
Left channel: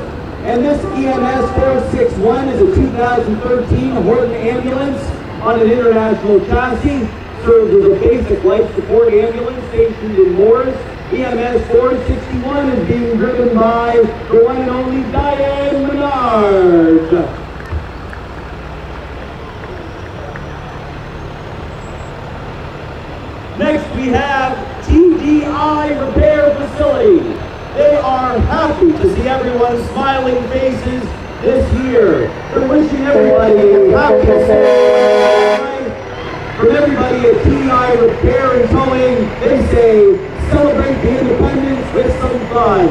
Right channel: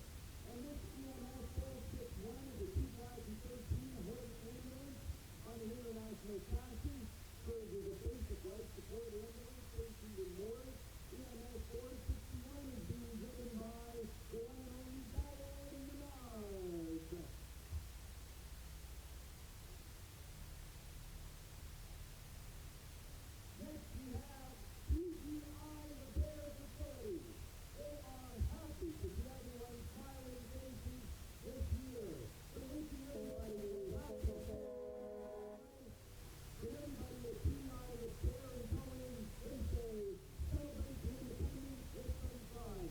And this EMS 461 is a 2013 Horton ambulance on an international chassis. Serves as a basic life support ambulance stationed in Moores. EMS 461 is being driven by the one and only Diane Menard. Next we have TDI Repair Facility. They are happy to see everyone's smiling faces this year. They're wishing everybody a happy Sunday. From everybody at TDI Repair and Towing, they say, celebrate the independence with some fun.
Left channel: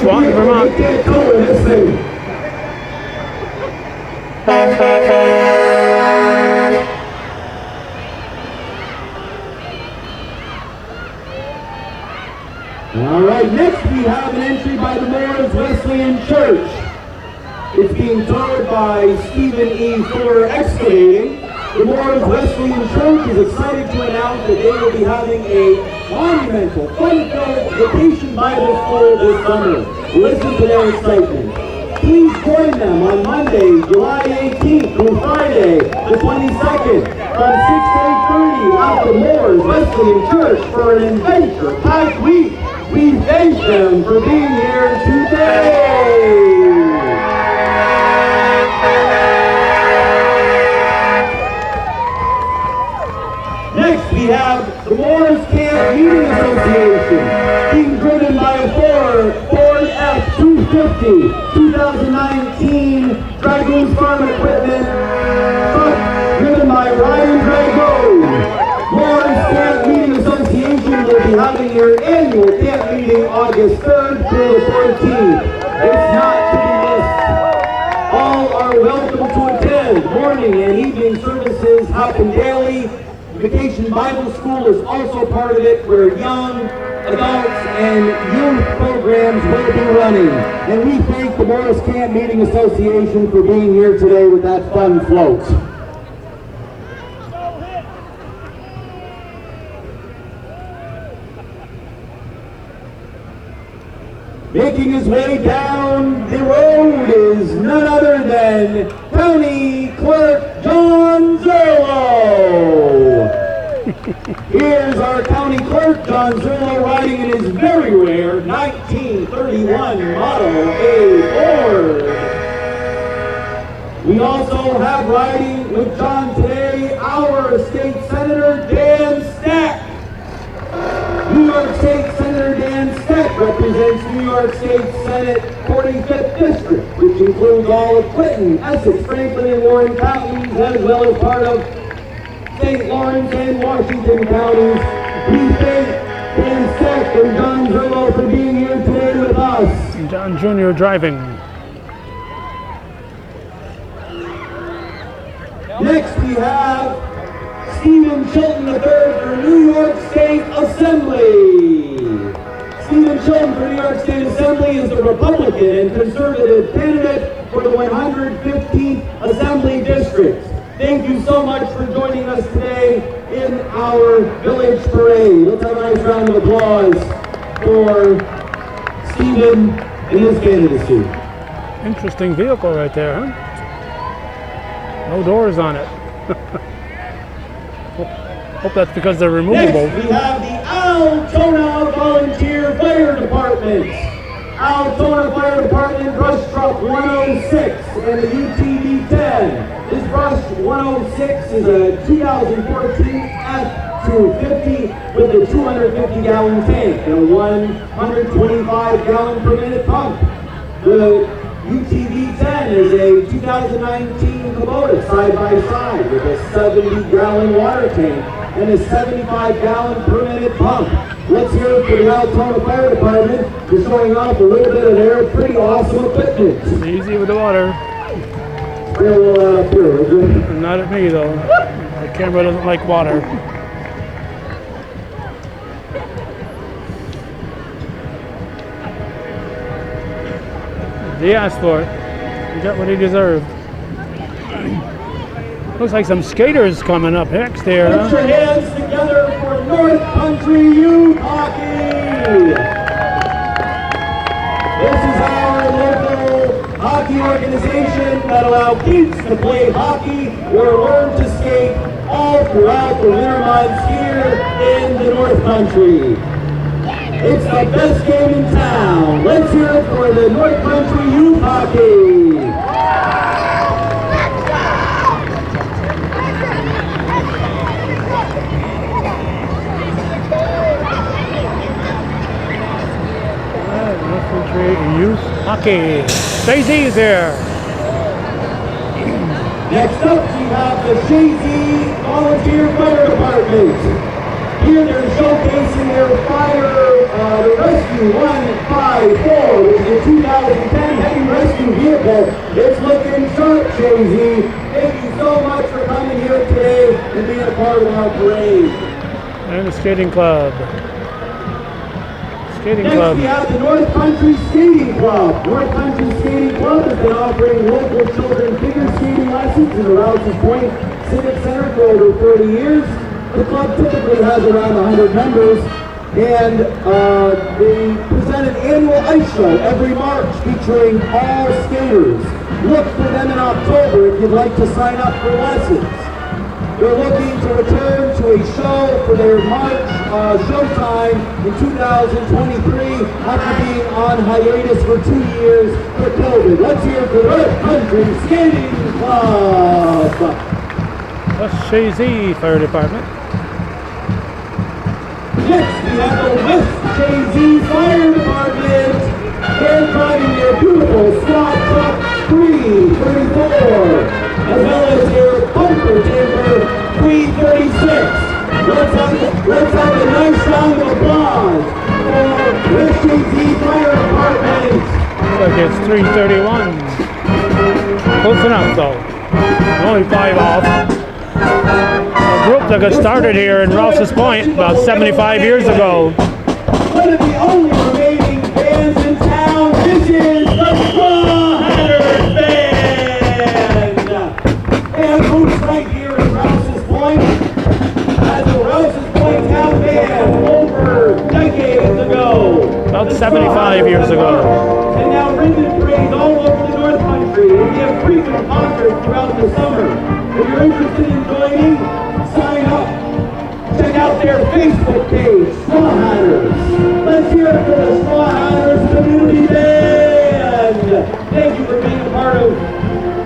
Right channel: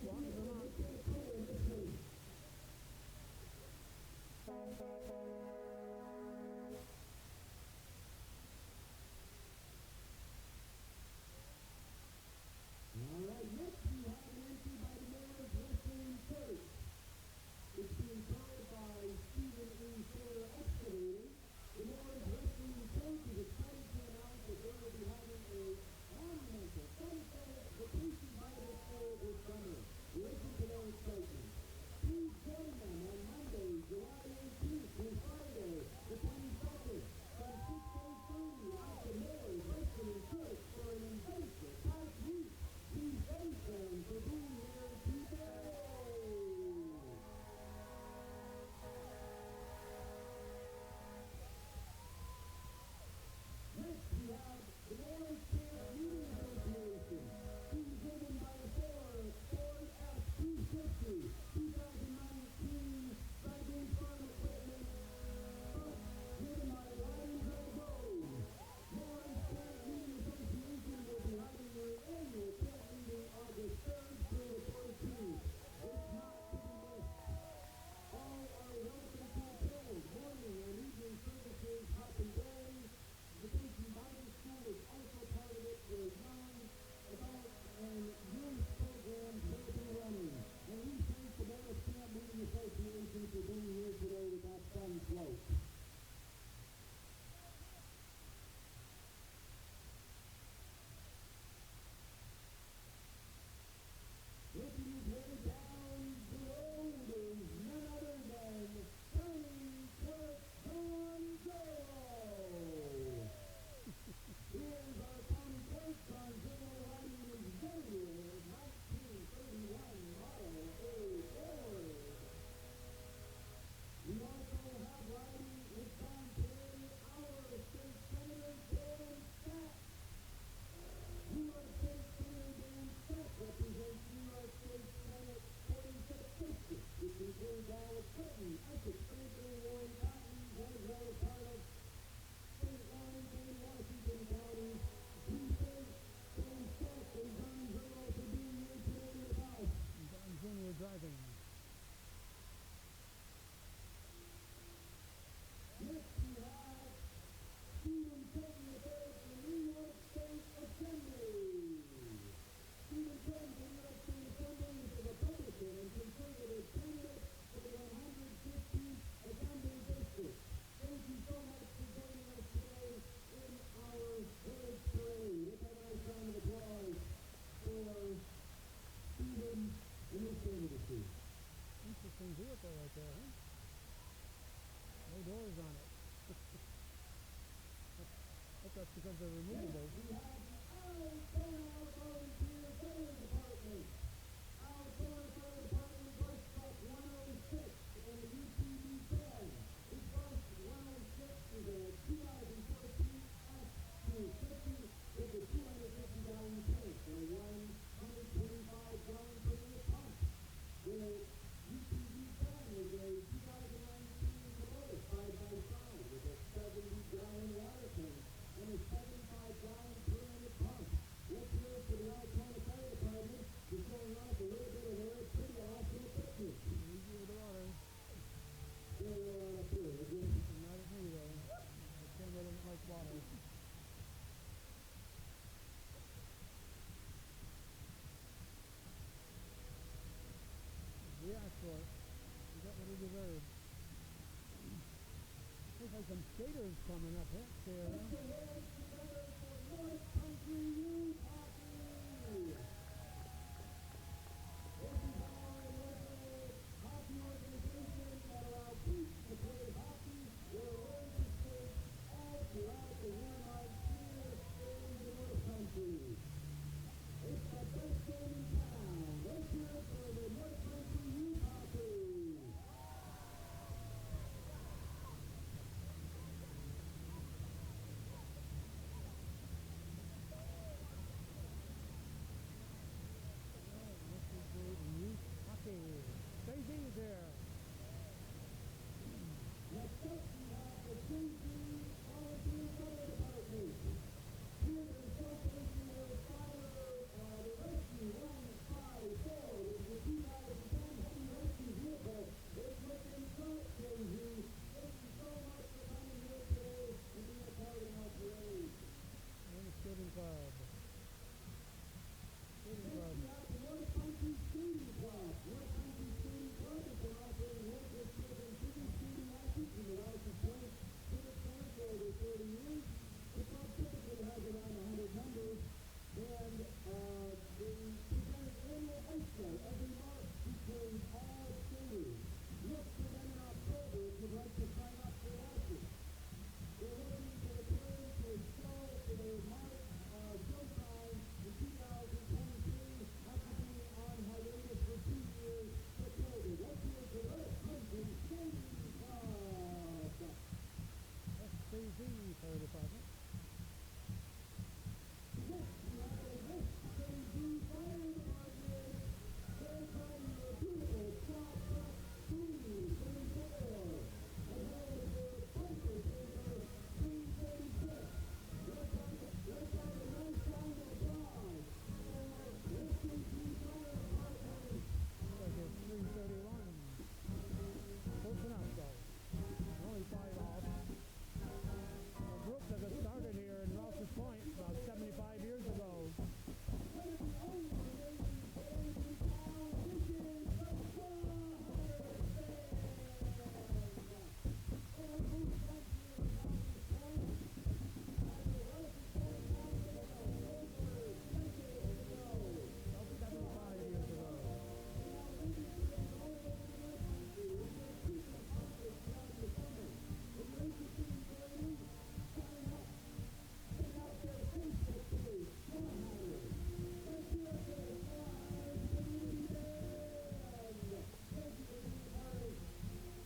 Swanton, Vermont. All right, next we have an entry by the Moores Wesleyan Church. It's being towed by Stephen E. Fuller Excavating. The Moores Wesleyan Church is excited to announce that they will be having a monumental, fun-filled vacation Bible school this summer. Listen to their excitement. Please join them on Monday, July 18th through Friday, the 22nd, from 6 to 8:30 at the Moores Wesleyan Church for an adventure-packed week. We thank them for being here today. Next, we have the Moores Camp Meeting Association, being driven by a Ford F-250 2019 Dragoons Farm Equipment truck, driven by Ryan Dragoon. Moores Camp Meeting Association will be having August 3rd through the 14th. It's not to be missed. All are welcome to attend. Morning and evening services happen daily. Vacation Bible School is also part of it, where young adults and youth programs will be running. And we thank the Morris Camp Meeting Association for being here today with that fun float. Making his way down the road is none other than County Clerk John Zerlo. Here's our County Clerk John Zerlo riding in his very rare 1931 Model A Ford. We also have riding with John today our State Senator Dan Stack. New York State Senator Dan Stack represents New York State Senate 45th District, which includes all of Clinton, Essex, Franklin, and Warren counties, as well as part of St. Lawrence and Washington counties. We thank Dan Stack and John Zerlo for being here today with us. John Jr. driving. Next we have Stephen Chilton III for New York State Assembly. Stephen Chilton for New York State Assembly is the Republican and conservative candidate for the 115th Assembly District. Thank you so much for joining us today in our village parade. Let's have a nice round of applause for Stephen and his candidacy. Interesting vehicle right there, huh? No doors on it. Hope that's because they're removable. Next, we have the Altona Volunteer Fire Department. Altona Fire Department Brush Truck 106 and the UTV-10. This Brush 106 is a 2014 F-250 with a 250-gallon tank and a 125-gallon per minute pump. The UTV-10 is a 2019 Kubota side-by-side with a 70-gallon water tank and a 75-gallon per minute pump. Let's hear it for the Altona Fire Department for showing off a little bit of their pretty awesome equipment. Easy with the water. Spray a little out up here, would you? Not at me though. My camera doesn't like water. He asked for it. He got what he deserved. Looks like some skaters coming up next here, Put huh? your hands together for North Country Youth Hockey! This is our local hockey organization that allows kids to play hockey or learn to skate all throughout the winter months here in the North Country. It's the best game in town. Let's hear it for the North Country Youth Hockey. Youth Hockey. Stacey's here. Next up, we have the Shazy Volunteer Fire Department. Here they're showcasing their the Rescue 154, which is a 2010 heavy rescue vehicle. It's looking sharp, Shazy. Thank you so much for coming here today and being a part of our parade. And the skating club. Skating Next, club. we have the North Country Skating Club. North Country Skating Club has been offering local children figure skating lessons in the Rouses Point Civic Center for over 30 years. The club typically has around 100 members, and they present an annual ice show every March featuring all skaters. Look for them in October if you'd like to sign up for lessons. They're looking to return to a show for their March showtime in 2023 after being on hiatus for 2 years for COVID. Let's hear it for North Country Skating Club. West Shazy Fire Department. Next, we have the West Shazy Fire Department. They're driving their beautiful squad truck 334, as well as their bumper timber 336. Let's have a nice round of applause for West Shazy Emergency Fire Department. Looks like it's 3:31. Close enough though. Only 5 off. A group that got started here in Rouses Point about 75 years ago. One of the only remaining bands in town. This is the Straw Hatters Band. And who's right here in Rouses Point? As a Rouses Point town band over decades ago. About 75 years ago. And now ribbon parades all over the North Country. And we have frequent concerts throughout the summer. If you're interested in joining, sign up. Check out their Facebook page, Straw Hatters. Let's hear it for the Straw Hatters Community Band. Thank you for being a part of.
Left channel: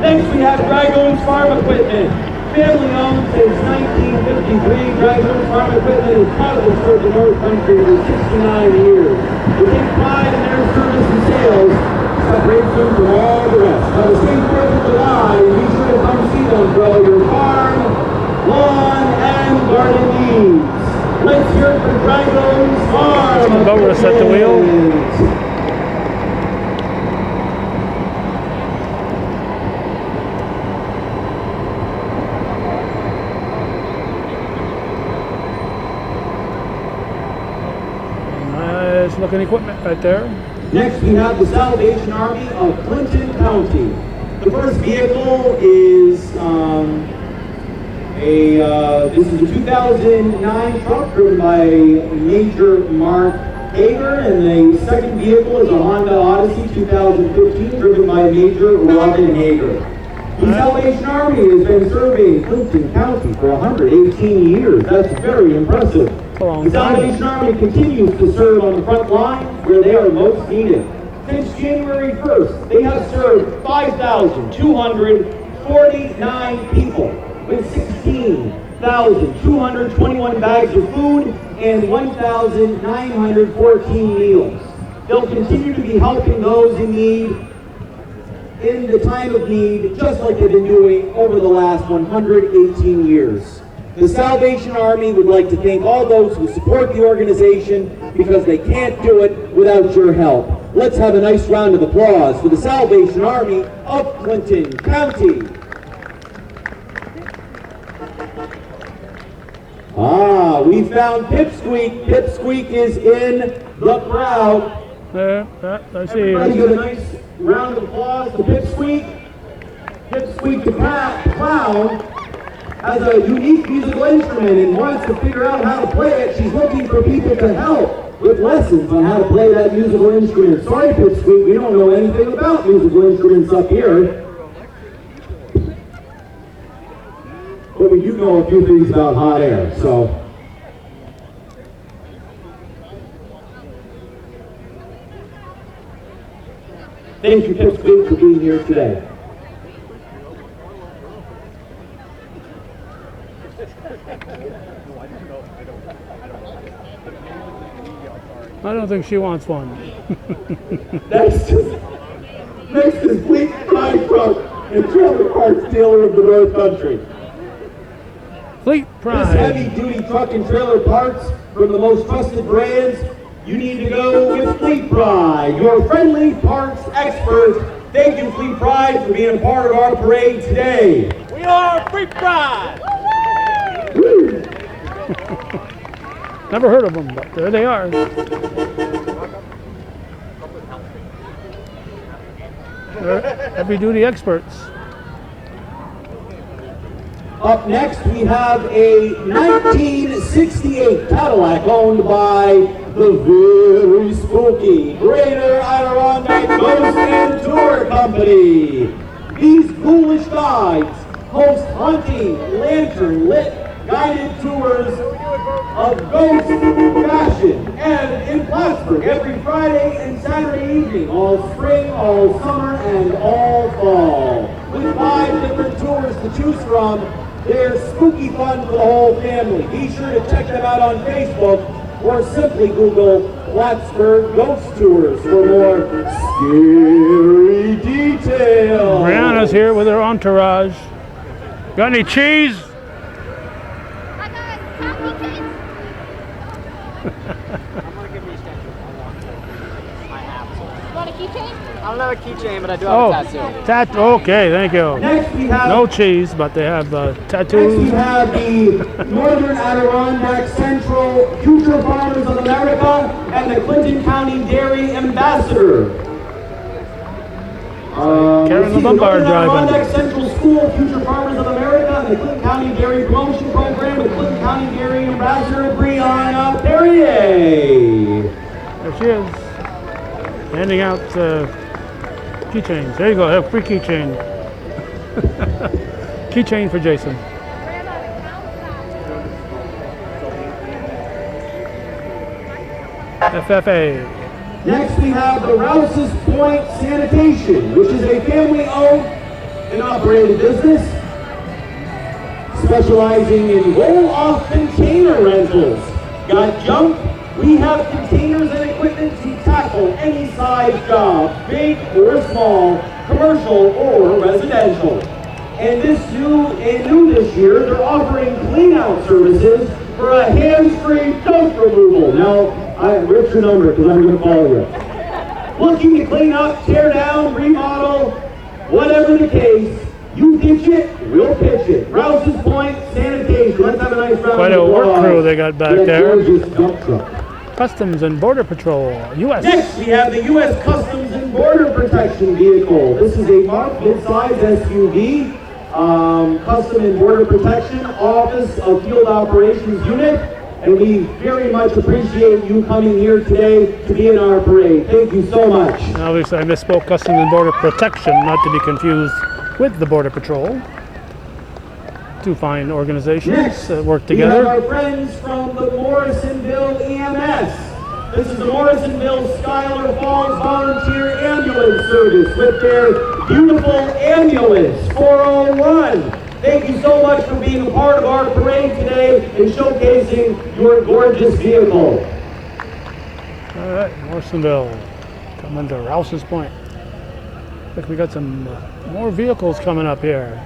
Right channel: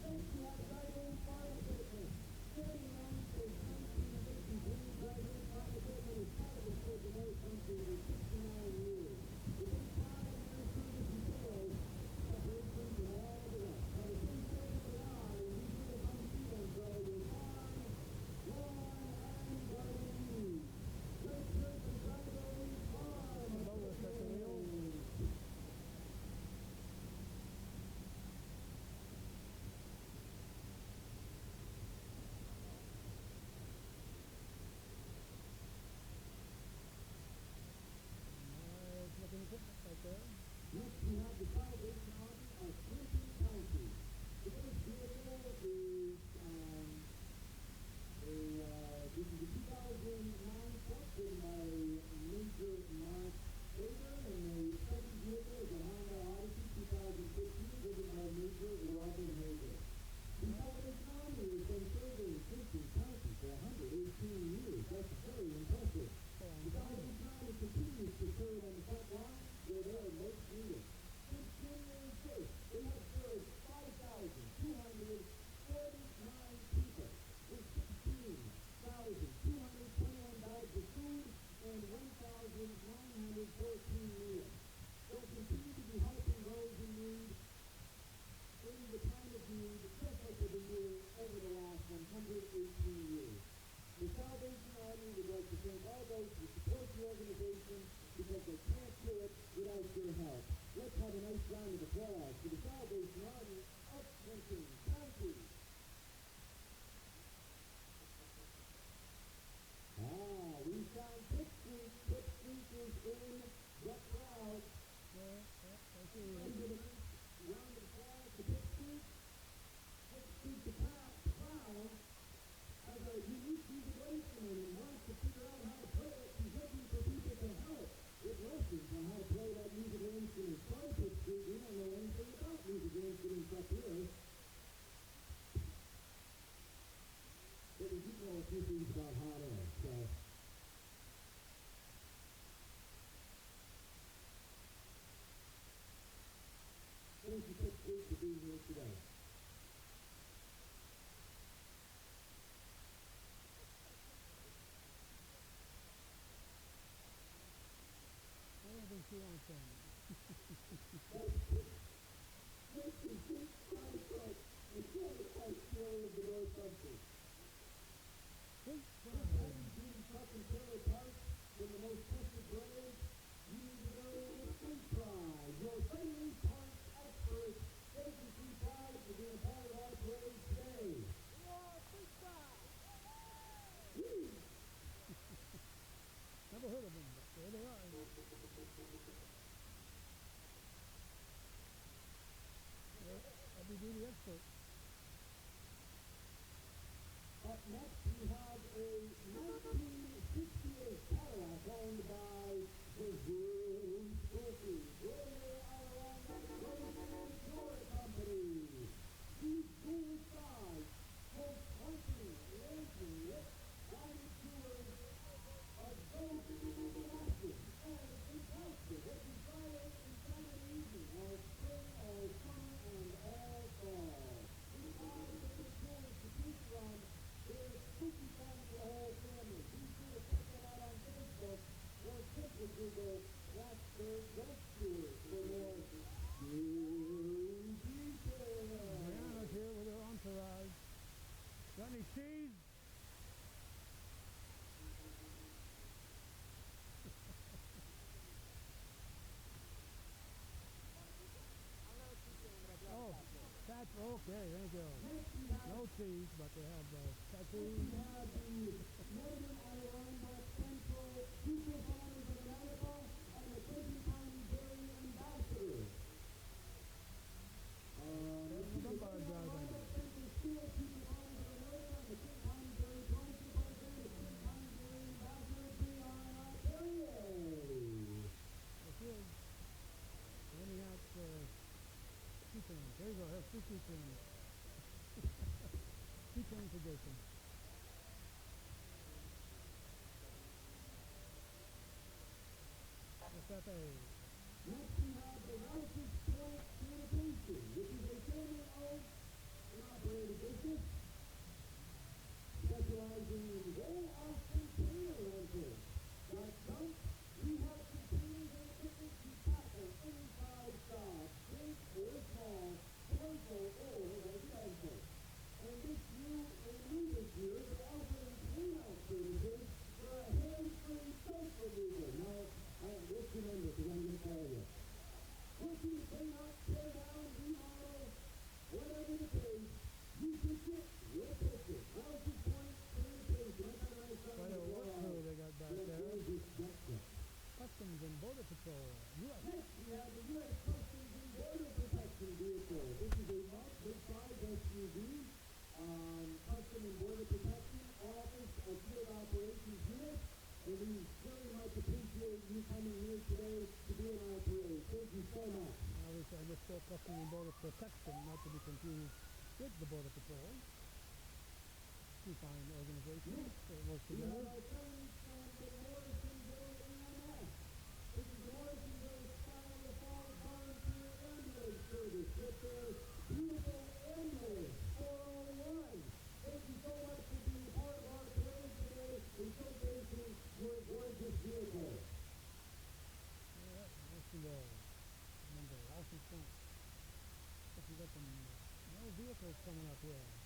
Next we have Dragoons Farm Equipment. Family owned since 1953, Dragoons Farm Equipment has proudly served the North Country for 69 years. We take pride in their service and sales, separates them from all the rest. Have a safe 4th of July, and be sure to come see them for all your farm, lawn, and garden needs. Let's hear it for Dragoons Farm. Boris at the wheel. Nice looking equipment right there. Next, we have the Salvation Army of Clinton County. The first vehicle is this is a 2009 truck driven by Major Mark Hager, and the second vehicle is a Honda Odyssey 2015 driven by Major Robin Hager. The Salvation Army has been serving Clinton County for 118 years. That's very impressive. The Salvation Army continues to serve on the front line where they are most needed. Since January 1st, they have served 5,249 people with 16,221 bags of food and 1,914 meals. They'll continue to be helping those in need in the time of need, just like they've been doing over the last 118 years. The Salvation Army would like to thank all those who support the organization because they can't do it without your help. Let's have a nice round of applause for the Salvation Army of Clinton County. We found Pipsqueak. Pipsqueak is in the crowd. I see. Everybody give a nice round of applause to Pipsqueak. Pipsqueak the clown has a unique musical instrument and wants to figure out how to play it. She's looking for people to help with lessons on how to play that musical instrument. Sorry, Pipsqueak, we don't know anything about musical instruments up here. But we do know a few things about hot air, so. Thank you, Pipsqueak, for being here today. I don't think she wants one. Next is Fleet Pride Truck and Trailer Parts Dealer of the North Country. Fleet This Pride. heavy-duty truck and trailer parts from the most trusted brands, you need to go with Fleet Pride, your friendly parts expert. Thank you, Fleet Pride, for being a part of our parade today. We are Fleet Pride! Woo. Never heard of them, but there they are. They're heavy-duty experts. Up next, we have a 1968 Cadillac owned by the very spooky Greater Adirondack Ghost and Tour Company. These ghoulish guides host haunting, lantern-lit guided tours of ghost fashion and in Plattsburgh every Friday and Saturday evening, all spring, all summer, and all fall. With 5 different tours to choose from, they're spooky fun for the whole family. Be sure to check them out on Facebook or simply Google Plattsburgh Ghost Tours for more scary details. Brianna's here with her entourage. Got any cheese? want a keychain? I don't have a keychain, but I do have a tattoo. Okay, thank you. Next we have No cheese, but they have Next we tattoos. have the Northern Adirondack Central Future Farmers of America and the Clinton County Dairy Ambassador. Karen The Lombard Northern driving. Adirondack Central School Future Farmers of America and the Clinton County Dairy Promotion Program with Clinton County Dairy Ambassador Brianna Perrier. There she is. Handing out keychains. There you go. Have free keychain. Keychain for Jason. FFA. Next we have the Rouses Point Sanitation, which is a family-owned and operated business specializing in roll-off container rentals. Got junk? We have containers and equipment to tackle any size job, big or small, commercial or residential. And new this year, they're offering clean-out services for a hands-free dump removal. Now, what's your number? Because I'm going to call you. Looking to clean up, tear down, remodel, whatever the case, you ditch it, we'll pitch it. Rouses Point Sanitation. Let's have a nice round Quite of a work applause. crew they got back That there. gorgeous dump truck. Customs and Border Patrol, U.S. Next, we have the U.S. Customs and Border Protection vehicle. This is a mid-size SUV, Custom and Border Protection Office of Field Operations Unit, and we very much appreciate you coming here today to be in our parade. Thank you so much. Obviously, I misspoke. Customs and Border Protection, not to be confused with the Border Patrol. Two fine organizations Next, that work we have together. our friends from the Morrisonville EMS. This is the Morrisonville Schuyler Falls Volunteer Ambulance Service with their beautiful ambulance 401. Thank you so much for being a part of our parade today and showcasing your gorgeous vehicle. All right, Morrisonville, coming to Rouses Point. Looks like we got some more vehicles coming up here.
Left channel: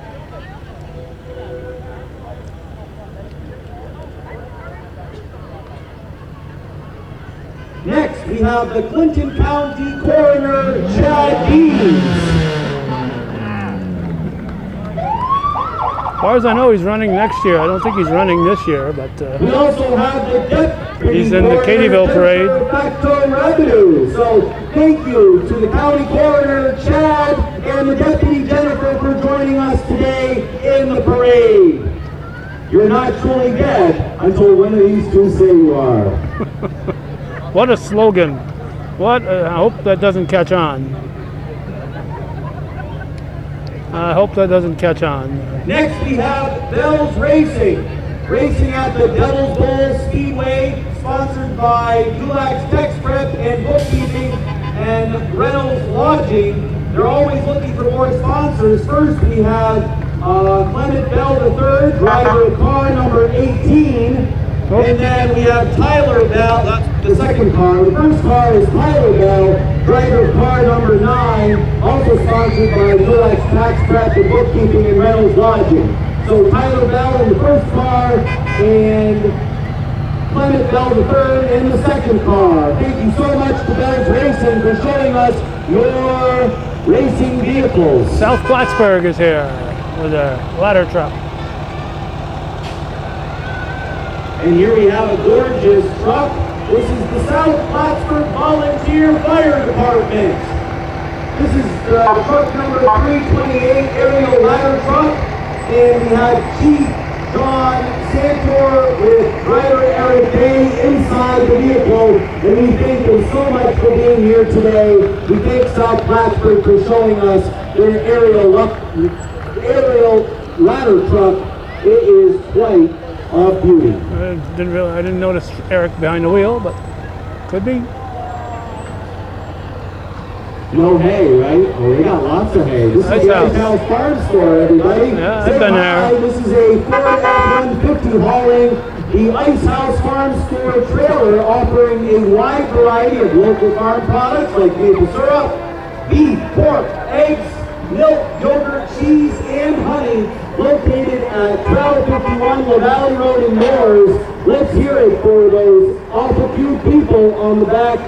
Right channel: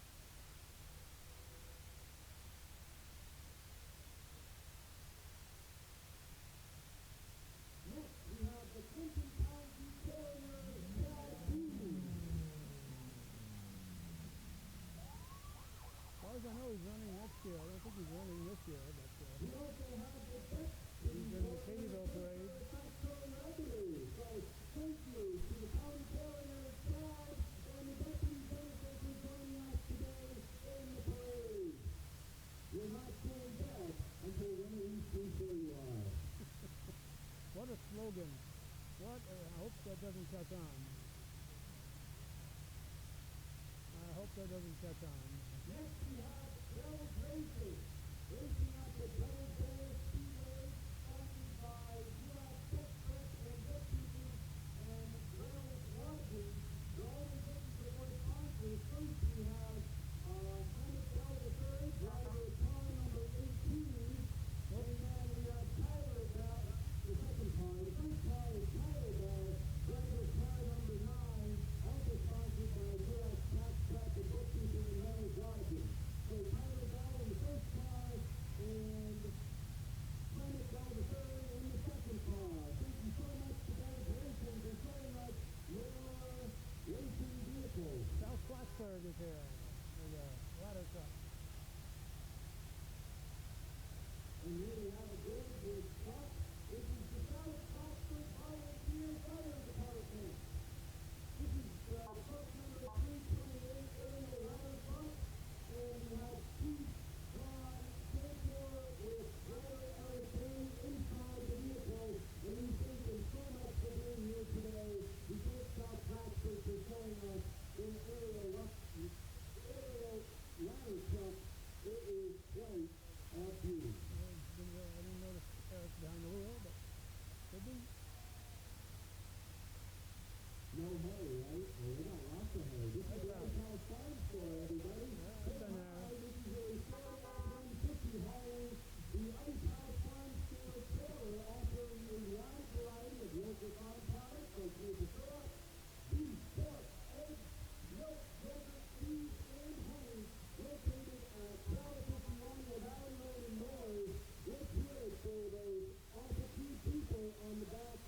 Next, we have the Clinton County Coroner, Chad Deans. As far as I know, he's running next year. I don't think he's running this year, but We also have the deputy He's in the coroner, Katyville parade. Jennifer Facto Revenue. So thank you to the county coroner, Chad, and the deputy Jennifer for joining us today in the parade. You're not truly dead until one of these two say you are. what a slogan. What? I hope that doesn't catch on. I hope that doesn't catch on. Next we have Bell's Racing. Racing at the Devil's Bowl Speedway, sponsored by Dulac Tex Prep and Bookkeeping and Reynolds Lodging. They're always looking for more sponsors. First we have Clement Bell III, driver of car number 18. And then we have Tyler Bell, that's the second car. The first car is Tyler Bell, driver of car number 9, also sponsored by Dulac Tax Prep and Bookkeeping and Reynolds Lodging. So Tyler Bell in the first car and Clement Bell III in the second car. Thank you so much to Bell's Racing for showing us your racing vehicles. South Plattsburgh is here with a ladder truck. And here we have a gorgeous truck. This is the South Plattsburgh Volunteer Fire Department. This is truck number 328 aerial ladder truck. And we have Chief John Santor with driver Eric Day inside the vehicle. And we thank them so much for being here today. We thank South Plattsburgh for showing us their aerial ladder truck. It is quite a beauty. I didn't notice Eric behind the wheel, but could be. No hay, right? Oh, they got lots of hay. This Nice is the house. Ice House Farm Store, everybody. Yeah, I've Say been hi. there. This is a Ford F-150 hauling the Ice House Farm Store trailer, offering a wide variety of local farm products like maple syrup, beef, pork, eggs, milk, yogurt, cheese, and honey, located at 1251 La Valley Road in Moores. Let's hear it for those awful few people on the back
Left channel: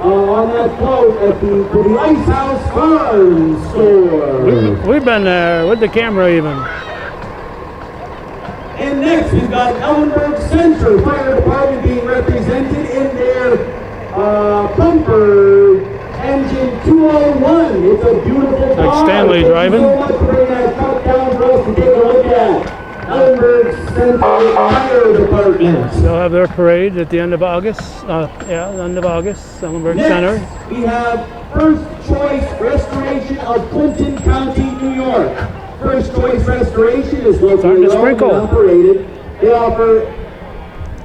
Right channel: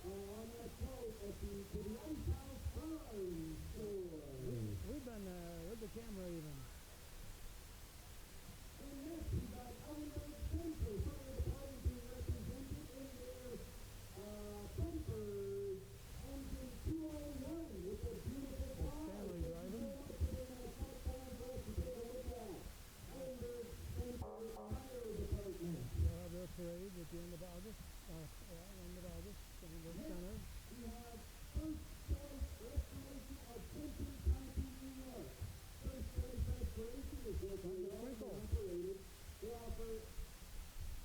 on that float at the Ice House Farm store. We've been there with the camera even. And next we've got Ellenburg Center Fire Department being represented in their bumper engine 201. It's a beautiful car. Like Stanley driving. Thank you so much for bringing that truck down for us to take a look at. Ellenburg Center Fire Department. They'll have their parade at the end of August. End of August, Ellenburg Center. Next, we have First Choice Restoration of Clinton County, New York. First Choice Restoration is locally owned and operated. They offer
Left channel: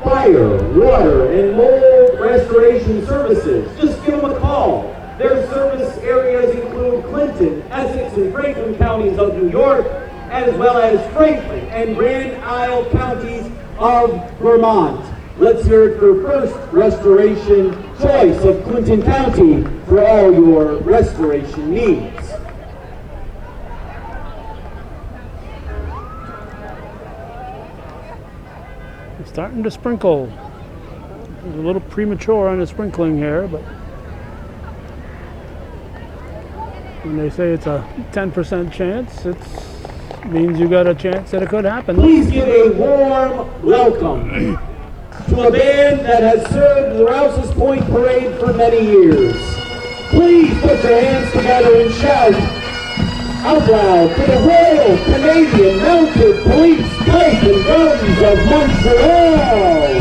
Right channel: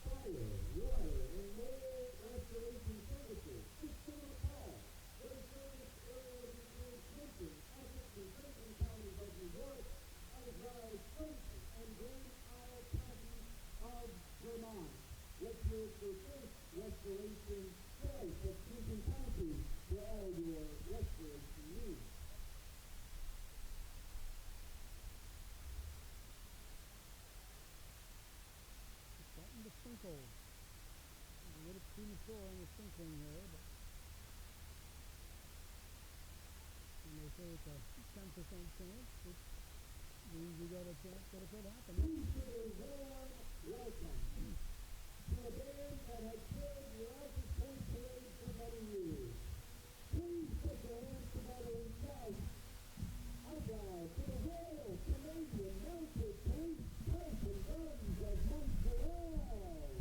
fire, water, and mold restoration services. Just give them a call. Their service areas include Clinton, Essex, and Franklin counties of New York, as well as Franklin and Grand Isle counties of Vermont. Let's hear it for First Restoration Choice of Clinton County for all your restoration needs. It's starting to sprinkle. It's a little premature on the sprinkling here, but when they say it's a 10% chance, it means you got a chance that it could happen. Please give a warm welcome to a band that has served the Rouses Point Parade for many years. Please put your hands together and shout out loud for the Royal Canadian Mounted Police Pipe and Drums of Montreal.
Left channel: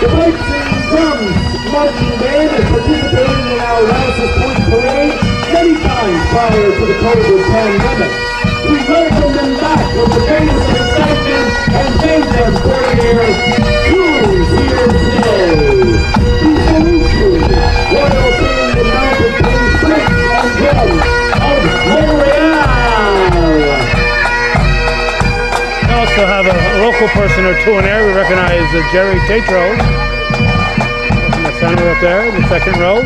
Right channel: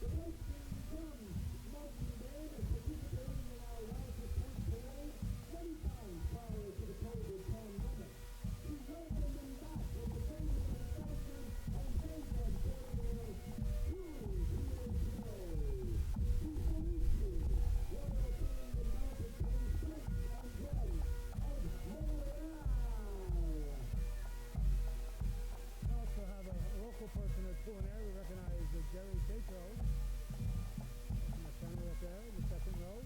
The Pipes and Drums Marching Band has participated in our Rouses Point Parade many times prior to the COVID pandemic. We welcome them back with the greatest excitement and thank them for their tunes here today. We salute you, Royal Canadian Mounted Police Pipes and Drums of Montreal. We also have a local person or two in there. We recognize Jerry Tatro in the center up there, in the second row.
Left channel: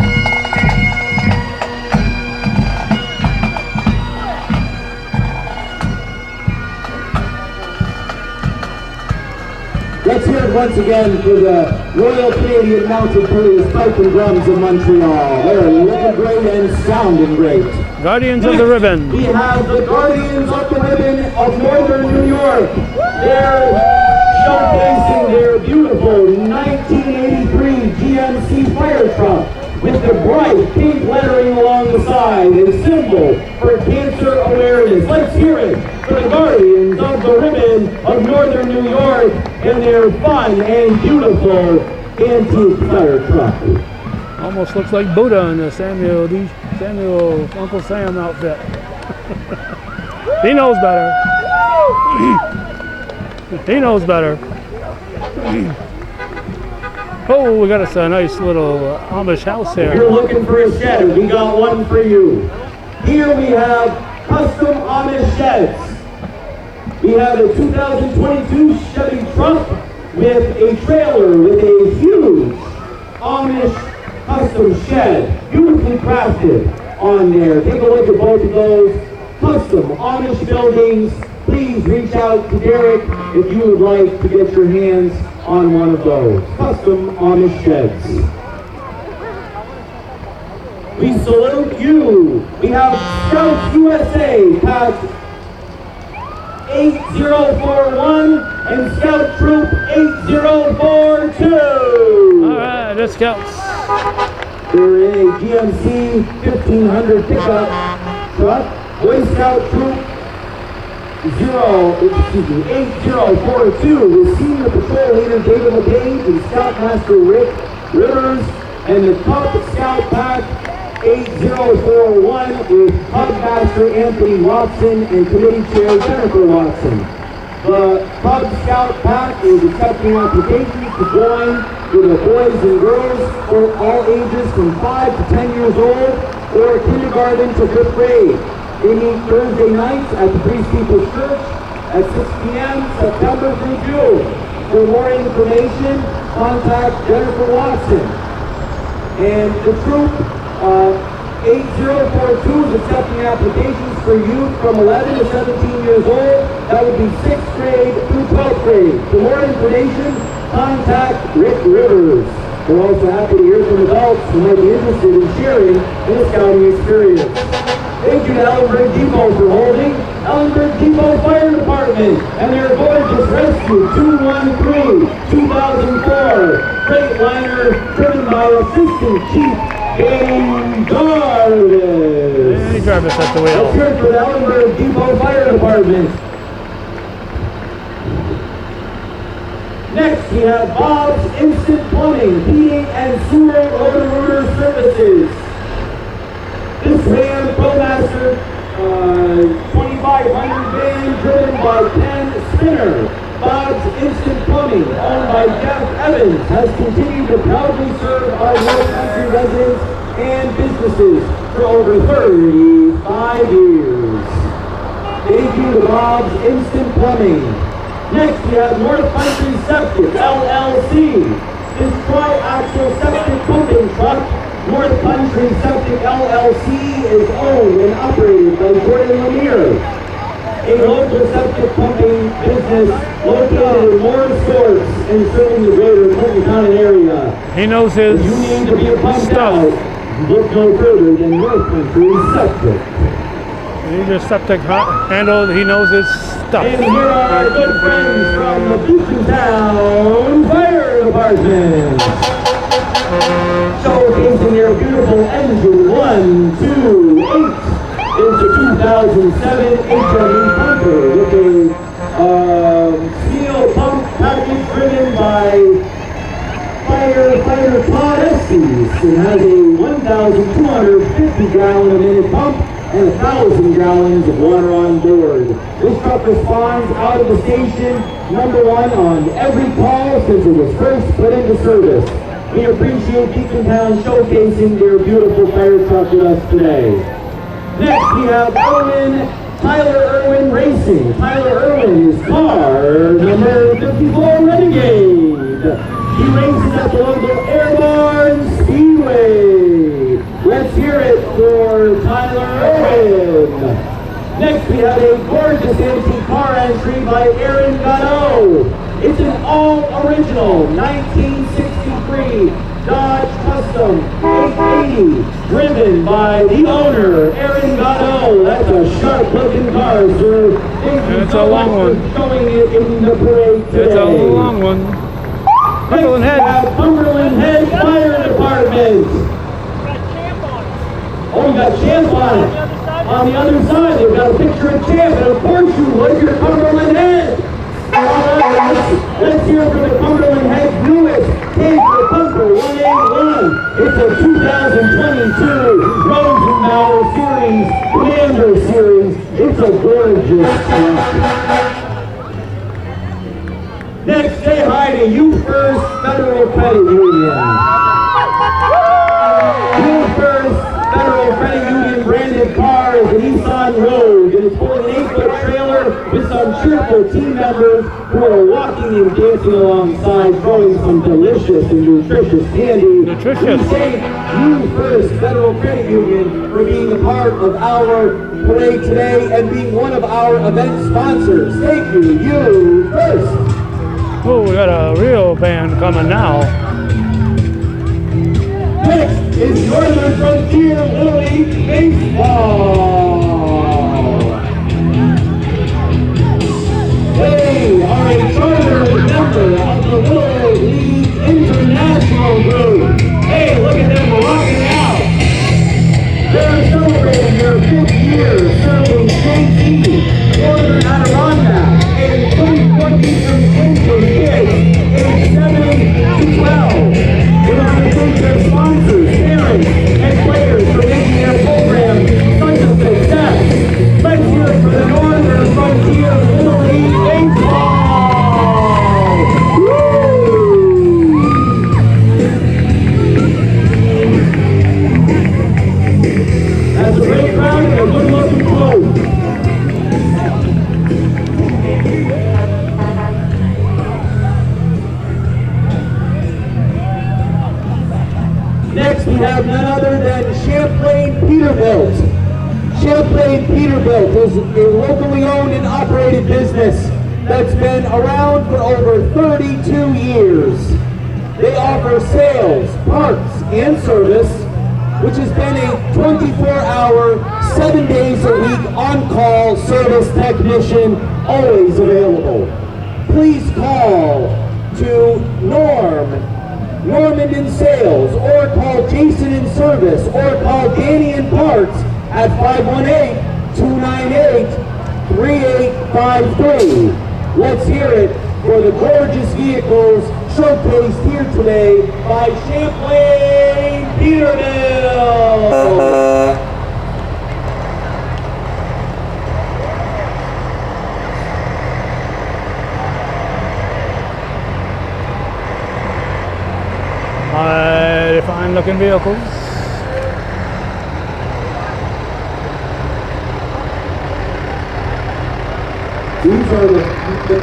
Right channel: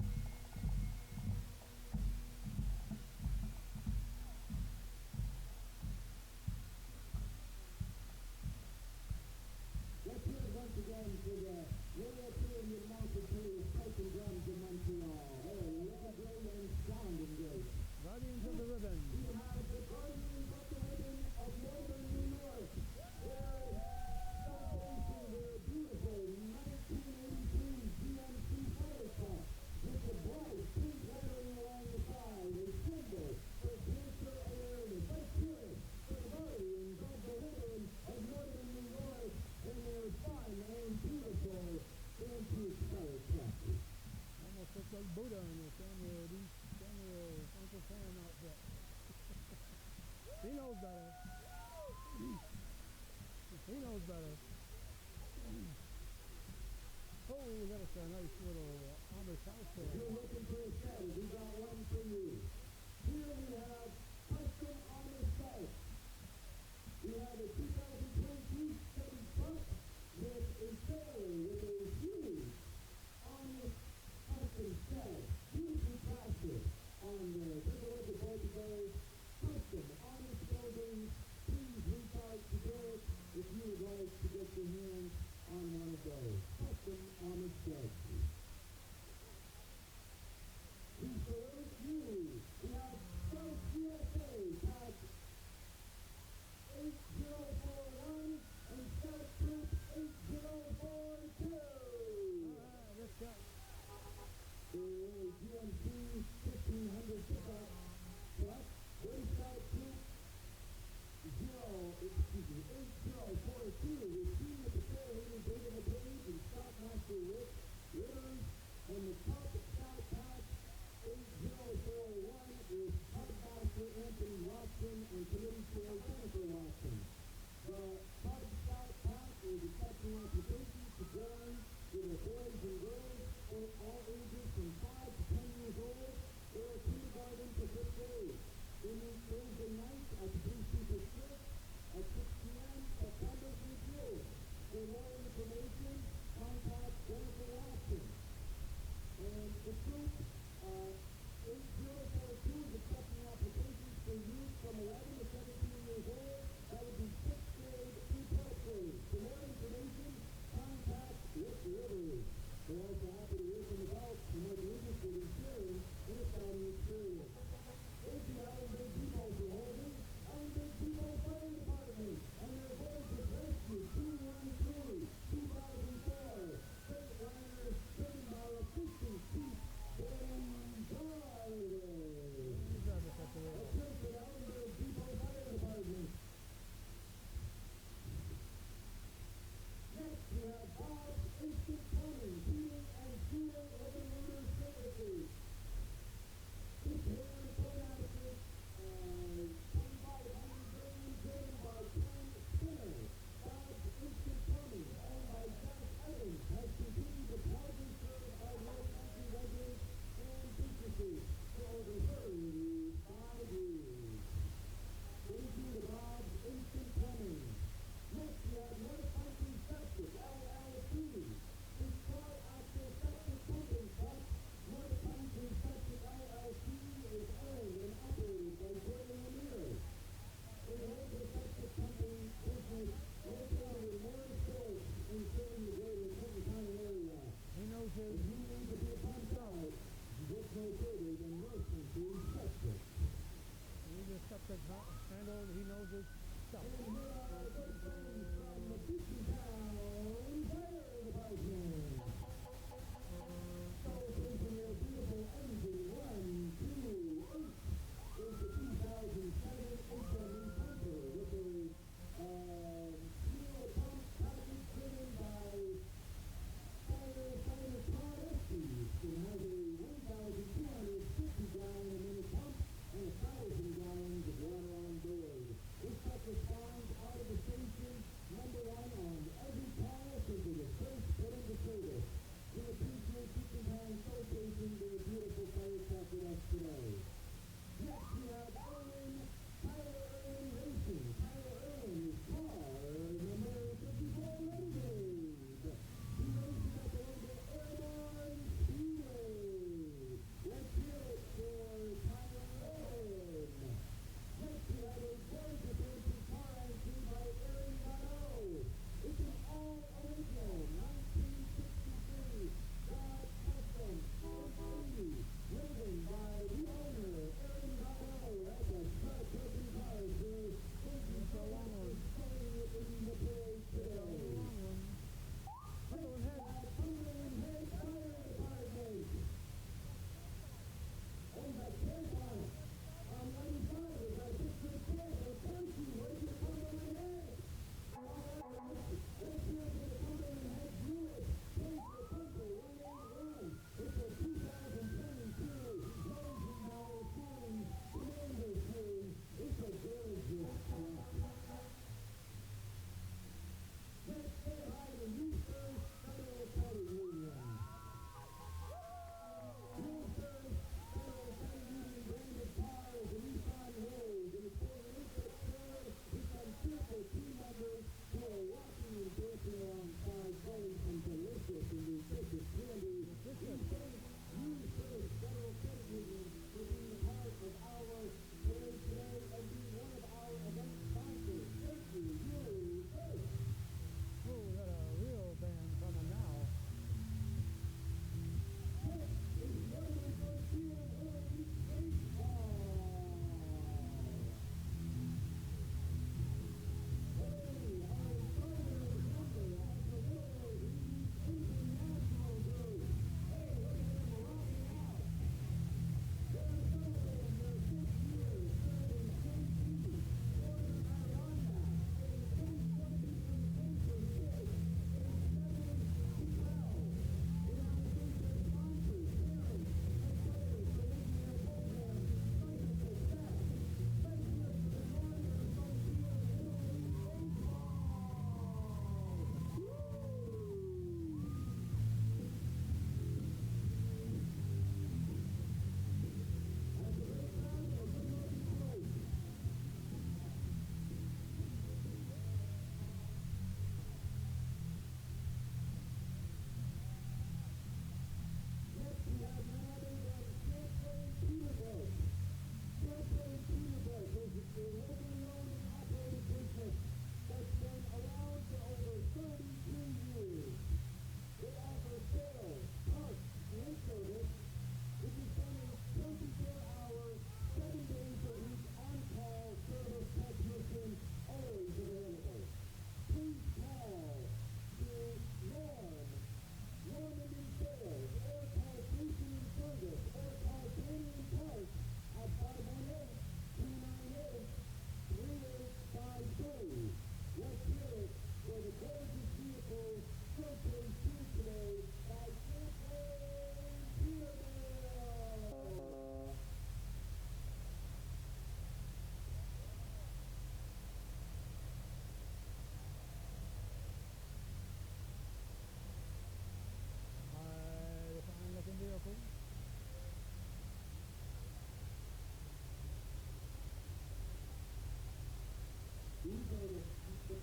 Let's hear it once again for the Royal Canadian Mounted Police Pipe and Drums of Montreal. They're looking great and sounding great. Guardians of the Ribbon. We have the Guardians of the Ribbon of Northern New York. They're showcasing their beautiful 1983 GMC fire truck with the bright pink lettering along the side and symbol for cancer awareness. Let's hear it for the Guardians of the Ribbon of Northern New York and their fun and beautiful antique fire truck. Almost looks like Buddha in the Samuel Uncle Sam outfit. He knows better. He knows better. Oh, we got us a nice little Amish house here. If you're looking for a shed, we got one for you. Here we have custom Amish sheds. We have a 2022 Chevy truck with a trailer with a huge Amish custom shed, beautifully crafted on there. Take a look at both of those custom Amish buildings. Please reach out to Derek if you would like to get your hands on one of those custom Amish sheds. We salute you. We have Scouts USA Pack 8041 and Scout Troop 8042. All right, the Scouts. They're a GMC 1500 pickup truck. Boy Scout Troop 8042 with Senior Patrol Leader David LePage and Scoutmaster Rick Rivers, and the Cub Scout Pack 8041 with Cubmaster Anthony Watson and Committee Chair Jennifer Watson. The Cub Scout Pack is accepting applications to join with the boys and girls for all ages from 5 to 10 years old or kindergarten to 5th grade. They meet Thursday nights at the Priest People's Church at 6 p.m. September through June. For more information, contact Jennifer Watson. And the troop 8042 is accepting applications for youth from 11 to 17 years old. That would be 6th grade through 12th grade. For more information, contact Rick Rivers. We're also happy to hear from adults who might be interested in sharing in the scouting experience. Thank you to Ellenburg Depot for holding Ellenburg Depot Fire Department and their gorgeous Rescue 213 2004 Freightliner driven by Assistant Chief Danny Jarvis. Danny Jarvis at the wheel. Let's hear it for the Ellenburg Depot Fire Department. Next, we have Bob's Instant Plumbing, Heating and Sewer Rotor Services. This Ram ProMaster 2500 van driven by Ken Spinner. Bob's Instant Plumbing, owned by Jeff Evans, has continued to proudly serve our North Country residents and businesses for over 35 years. Thank you to Bob's Instant Plumbing. Next, we have North Country Septic, LLC. This tri-axle septic pumping truck, North Country Septic, LLC, is owned and operated by Gordon Lemire, a local septic pumping business located in Morris Courts and serving the greater Clinton County area. He knows his If you need to be pumped stuff. out, look no further than North Country Septic. He needs your septic handle. He knows his stuff. And here are our good friends from the Beacontown Fire Department. Showcasing their beautiful engine 128 is the 2007 HME pumper with a steel pump package driven by firefighter Todd Estes. It has a 1,250 gallon a minute pump and 1,000 gallons of water on board. This truck responds out of the station #1 on every call since it was first put into service. We appreciate Beacontown showcasing their beautiful fire truck with us today. Next, we have Tyler Irwin Racing. Tyler Irwin is car number 54 Renegade. He races at the local Airborne Speedway. Let's hear it for Tyler Irwin. Next, we have a gorgeous antique car entry by Aaron Gatto. It's an all-original 1963 Dodge Custom 880, driven by the owner, Aaron Gatto. That's a sharp-looking car, sir. Thank you It's so a long much one. for showing it in the parade today. It's a long one. Cumberland Next, we Head. have Cumberland Head Fire Department. Oh, you got Champ on it. On the other side, they've got a picture of Champ, and of course you would, you're Cumberland Head. Let's hear from the Cumberland Head newest Take the Pumper 181. It's a 2022 Rosenbauer Series, Commander Series. It's a gorgeous truck. Next, say hi to You First Federal Credit Union. You First Federal Credit Union branded car is a Nissan Rogue, and it's pulling an 8-foot trailer with some cheerful team members who are walking and dancing alongside, throwing some delicious and nutritious candy. Nutritious. We thank You First Federal Credit Union for being a part of our parade today and being one of our event sponsors. Thank you, You First. Oh, we got a real band coming now. Next is Northern Frontier Little League Baseball. They are a charter member of the Little League International Group. Hey, look at them rocking out. They're celebrating their 5th year serving KC, Northern Adirondack, and 2020 Central kids aged 7 to 12. We want to thank their sponsors, parents, and players for making their program such a success. Let's hear it for the Northern Frontier Little League Baseball! Woo! That's a great crowd and a good looking quote. Next, we have none other than Champlain Peterbilt. Champlain Peterbilt is a locally owned and operated business that's been around for over 32 years. They offer sales, parts, and service, which has been a 24-hour, 7 days a week on-call service technician, always available. Please call to Norman in sales, or call Jason in service, or call Danny in parts at 518-298-3853. Let's hear it for the gorgeous vehicles showcased here today by Champlain Peterbilt. Mighty fine looking vehicles. These are the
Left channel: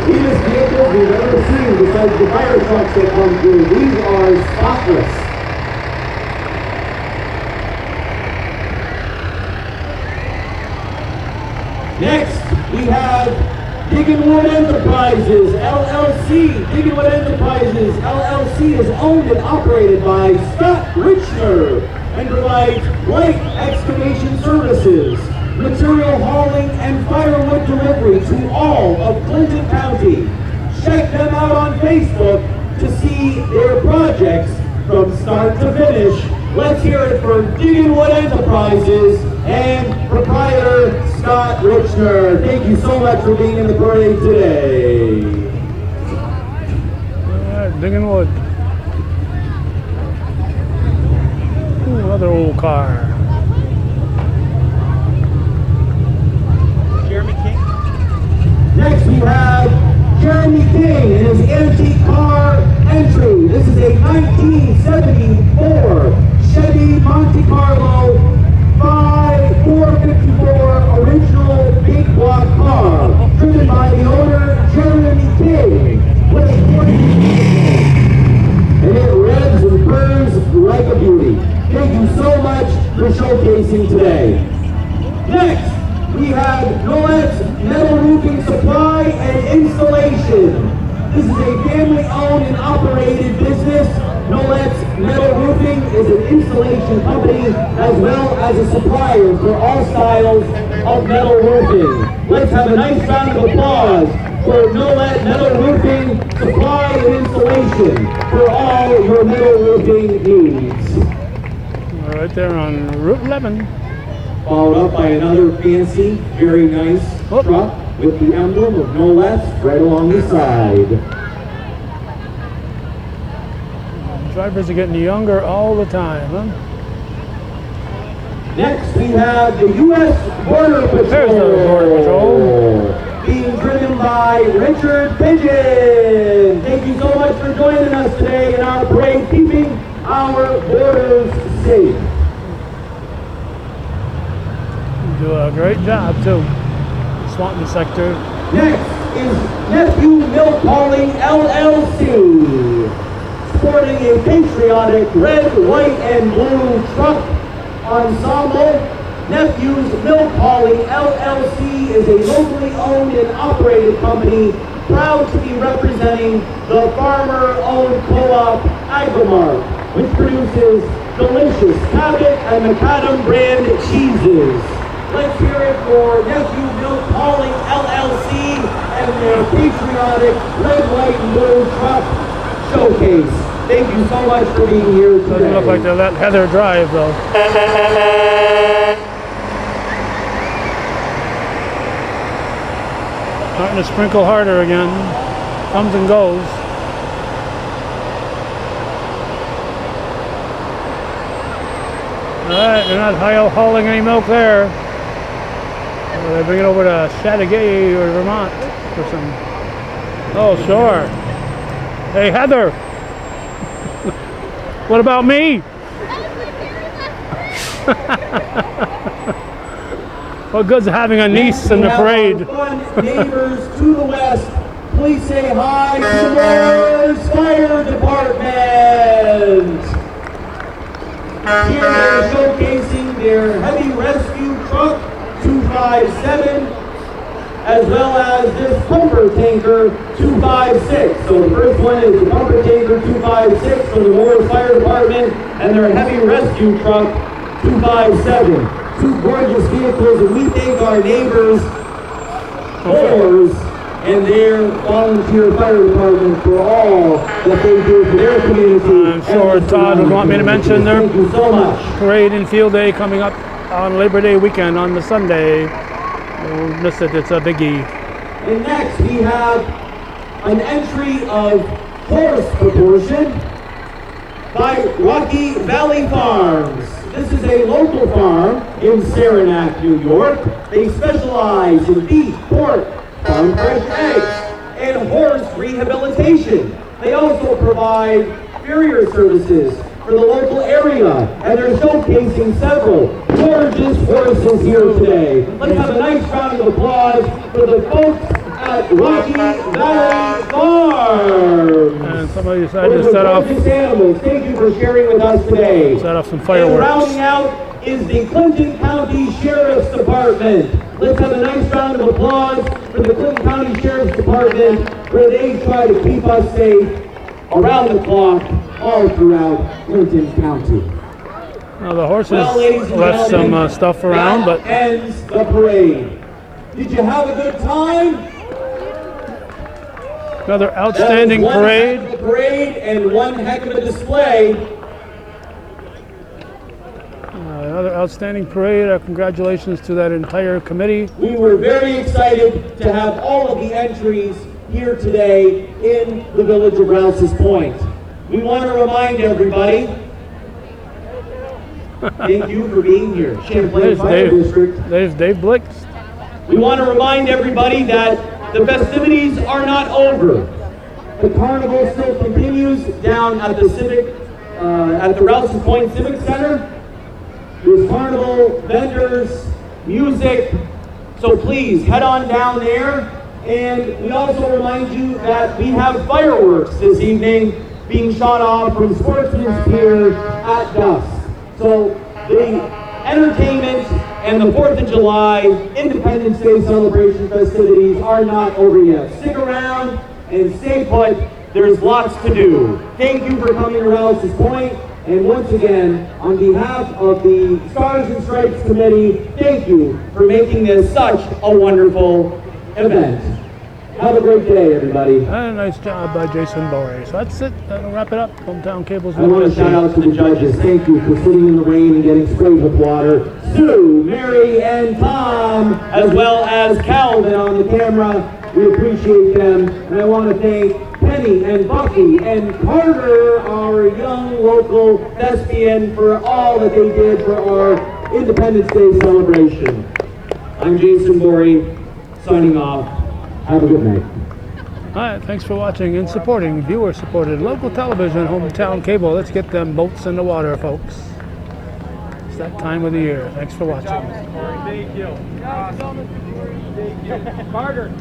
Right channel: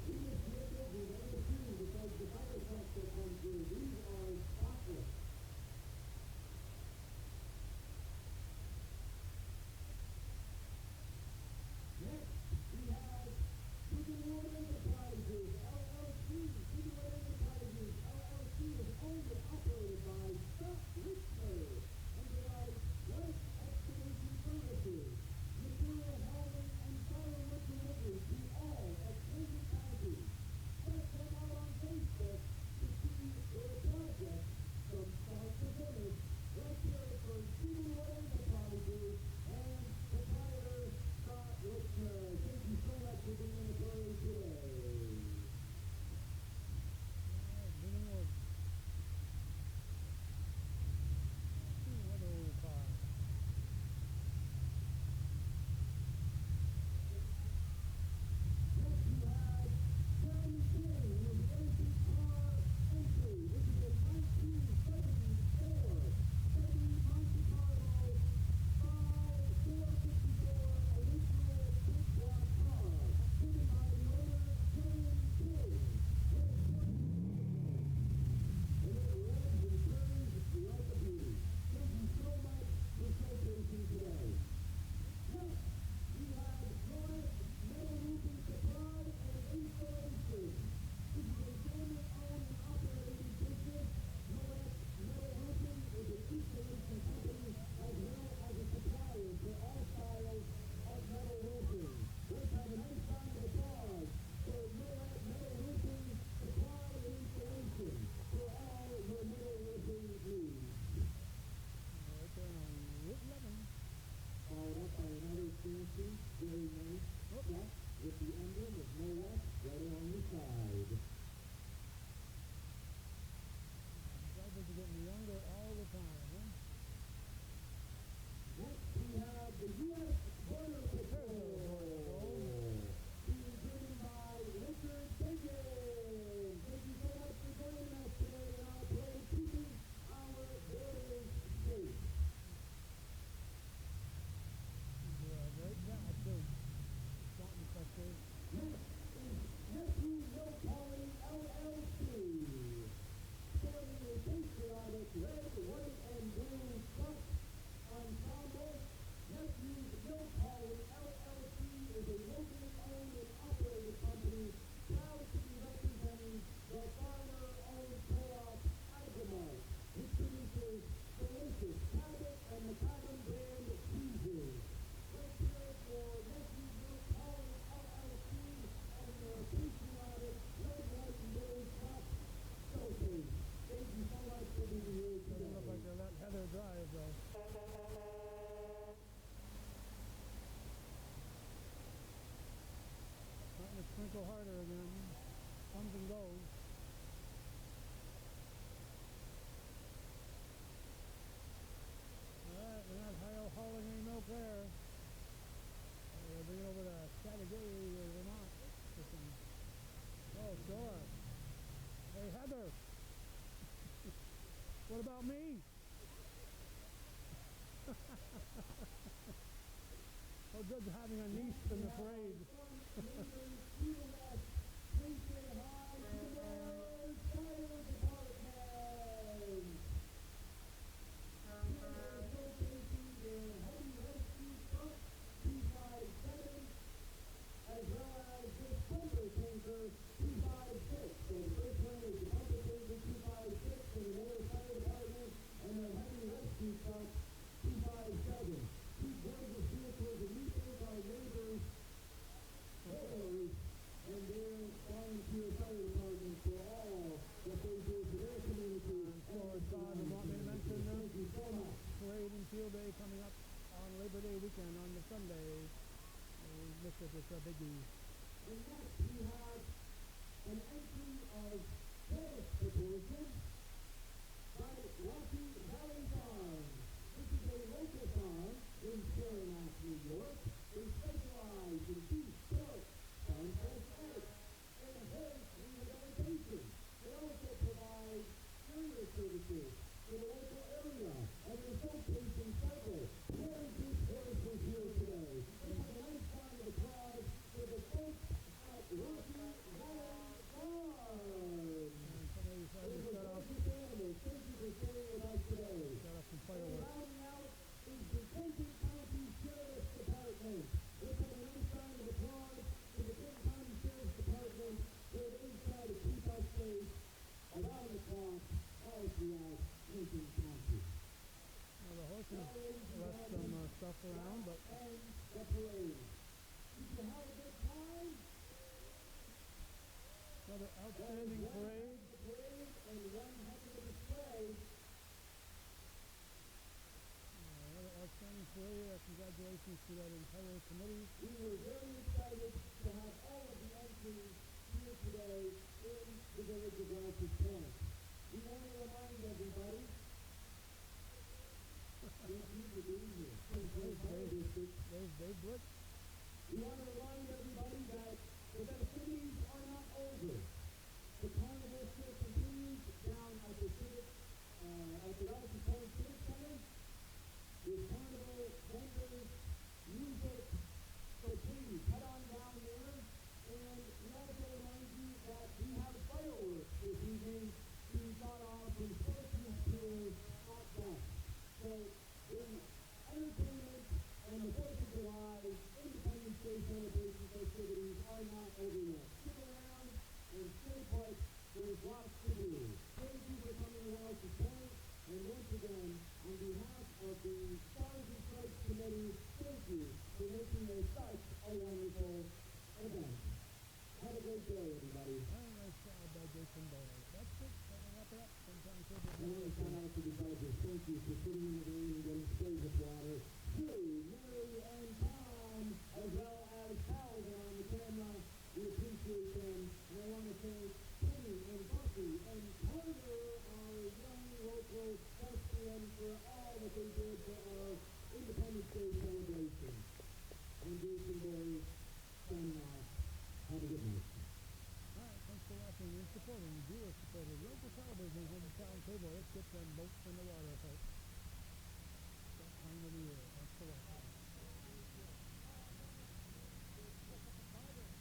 cleanest vehicles we've ever seen besides the fire trucks that come through. These are spotless. Next, we have Digginwood Enterprises, LLC. Digginwood Enterprises, LLC is owned and operated by Scott Richner and provides light excavation services, material hauling, and firewood delivery to all of Clinton County. Check them out on Facebook to see their projects from start to finish. Let's hear it for Digginwood Enterprises and proprietor Scott Richner. Thank you so much for being in the parade today. All right, Digginwood. Ooh, another old car. Next we have Jeremy King and his antique car entry. This is a 1974 Chevy Monte Carlo 454 original big block car, driven by the owner Jeremy King, with a 40 and it revs and purrs like a beauty. Thank you so much for showcasing today. Next, we have Nolet's Metal Roofing Supply and Installation. This is a family-owned and operated business. Nolet's Metal Roofing is an installation company as well as a supplier for all styles of metal roofing. Let's have a nice round of applause for Nolet Metal Roofing Supply and Installation for all your metal roofing needs. Right there on Route 11. Followed up by another fancy, very nice truck with the emblem of No Less right along the side. Drivers are getting younger all the time, huh? Next, we have the U.S. Border Patrol. There's the Border Patrol. Being driven by Richard Pigeon. Thank you so much for joining us today in our parade, keeping our borders safe. Do a great job too. Swanton sector. Next is Nephew Milk Hauling LLC, sporting a patriotic red, white, and blue truck ensemble. Nephew's Milk Hauling LLC is a locally owned and operated company, proud to be representing the farmer-owned co-op Agrimark, which produces delicious Cabot and Macadam brand cheeses. Let's hear it for Nephew Milk Hauling LLC and their patriotic red, white, and blue truck showcase. Thank you so much for being here today. Doesn't look like they let Heather drive though. Starting to sprinkle harder again. Comes and goes. Alright, they're not hauling any milk there. They bring it over to Chateauguay or Vermont or something. Oh, sure. Hey, Heather. What about me? What good's having a niece in the parade? Neighbors to the west, please say hi to the Morris Fire Department. Here they're showcasing their heavy rescue truck 257 as well as this pumper tanker 256. So the first one is the pumper tanker 256 from the Morris Fire Department and their heavy rescue truck 257. Two gorgeous vehicles, and we thank our neighbors, Moors, and their volunteer fire department for all that they do for their community. I'm sure Todd would want me to mention their Thank you so much. parade and field day coming up on Labor Day weekend on the Sunday. Don't miss it, it's a biggie. And next we have an entry of horse proportion by Rocky Valley Farms. This is a local farm in Saranac, New York. They specialize in beef, pork, farm fresh eggs, and horse rehabilitation. They also provide farrier services for the local area, and they're showcasing several gorgeous horses here today. Let's have a nice round of applause for the folks at Rocky Valley Farms. And somebody decided to set off Animals. Thank you for sharing with us today. some And fireworks. rounding out is the Clinton County Sheriff's Department. Let's have a nice round of applause for the Clinton County Sheriff's Department, where they try to keep us safe around the clock all throughout Clinton County. Now the horses Well, ladies and left some gentlemen, stuff around, but that ends the parade. Did you have a good time? another outstanding That was one parade. heck of a parade and one heck of a display. Another outstanding parade. Congratulations to that entire committee. We were very excited to have all of the entries here today in the village of Rouses Point. We want to remind everybody, thank you for being here, Champlain There's Fire District. There's Dave Blix. We want to remind everybody that the festivities are not over. The carnival still continues down at the at the Rouses Point Civic Center. There's carnival, vendors, music, so please head on down there. And we also remind you that we have fireworks this evening being shot off from Sportsman's Pier at dusk. So the entertainment and the 4th of July Independence Day celebration festivities are not over yet. Stick around and stay put. There's lots to do. Thank you for coming to Rouses Point. And once again, on behalf of the Stars and Stripes Committee, thank you for making this such a wonderful event. Have a great day, everybody. And a nice job by Jason Bory. So that's it. That'll wrap it up. Hometown Cables. I want to shout out to the judges. Thank you for sitting in the rain and getting sprayed with water. Sue, Mary, and Tom, as well as Calvin on the camera. We appreciate them. And I want to thank Penny and Bucky and Carter, our young local thespian, for all that they did for our Independence Day celebration. I'm Jason Bory, signing off. Have a good night. All right, thanks for watching and supporting viewer-supported local television, Hometown Cable. Let's get them boats in the water, folks. It's that time of the year. Thanks for watching. Thank you. Carter.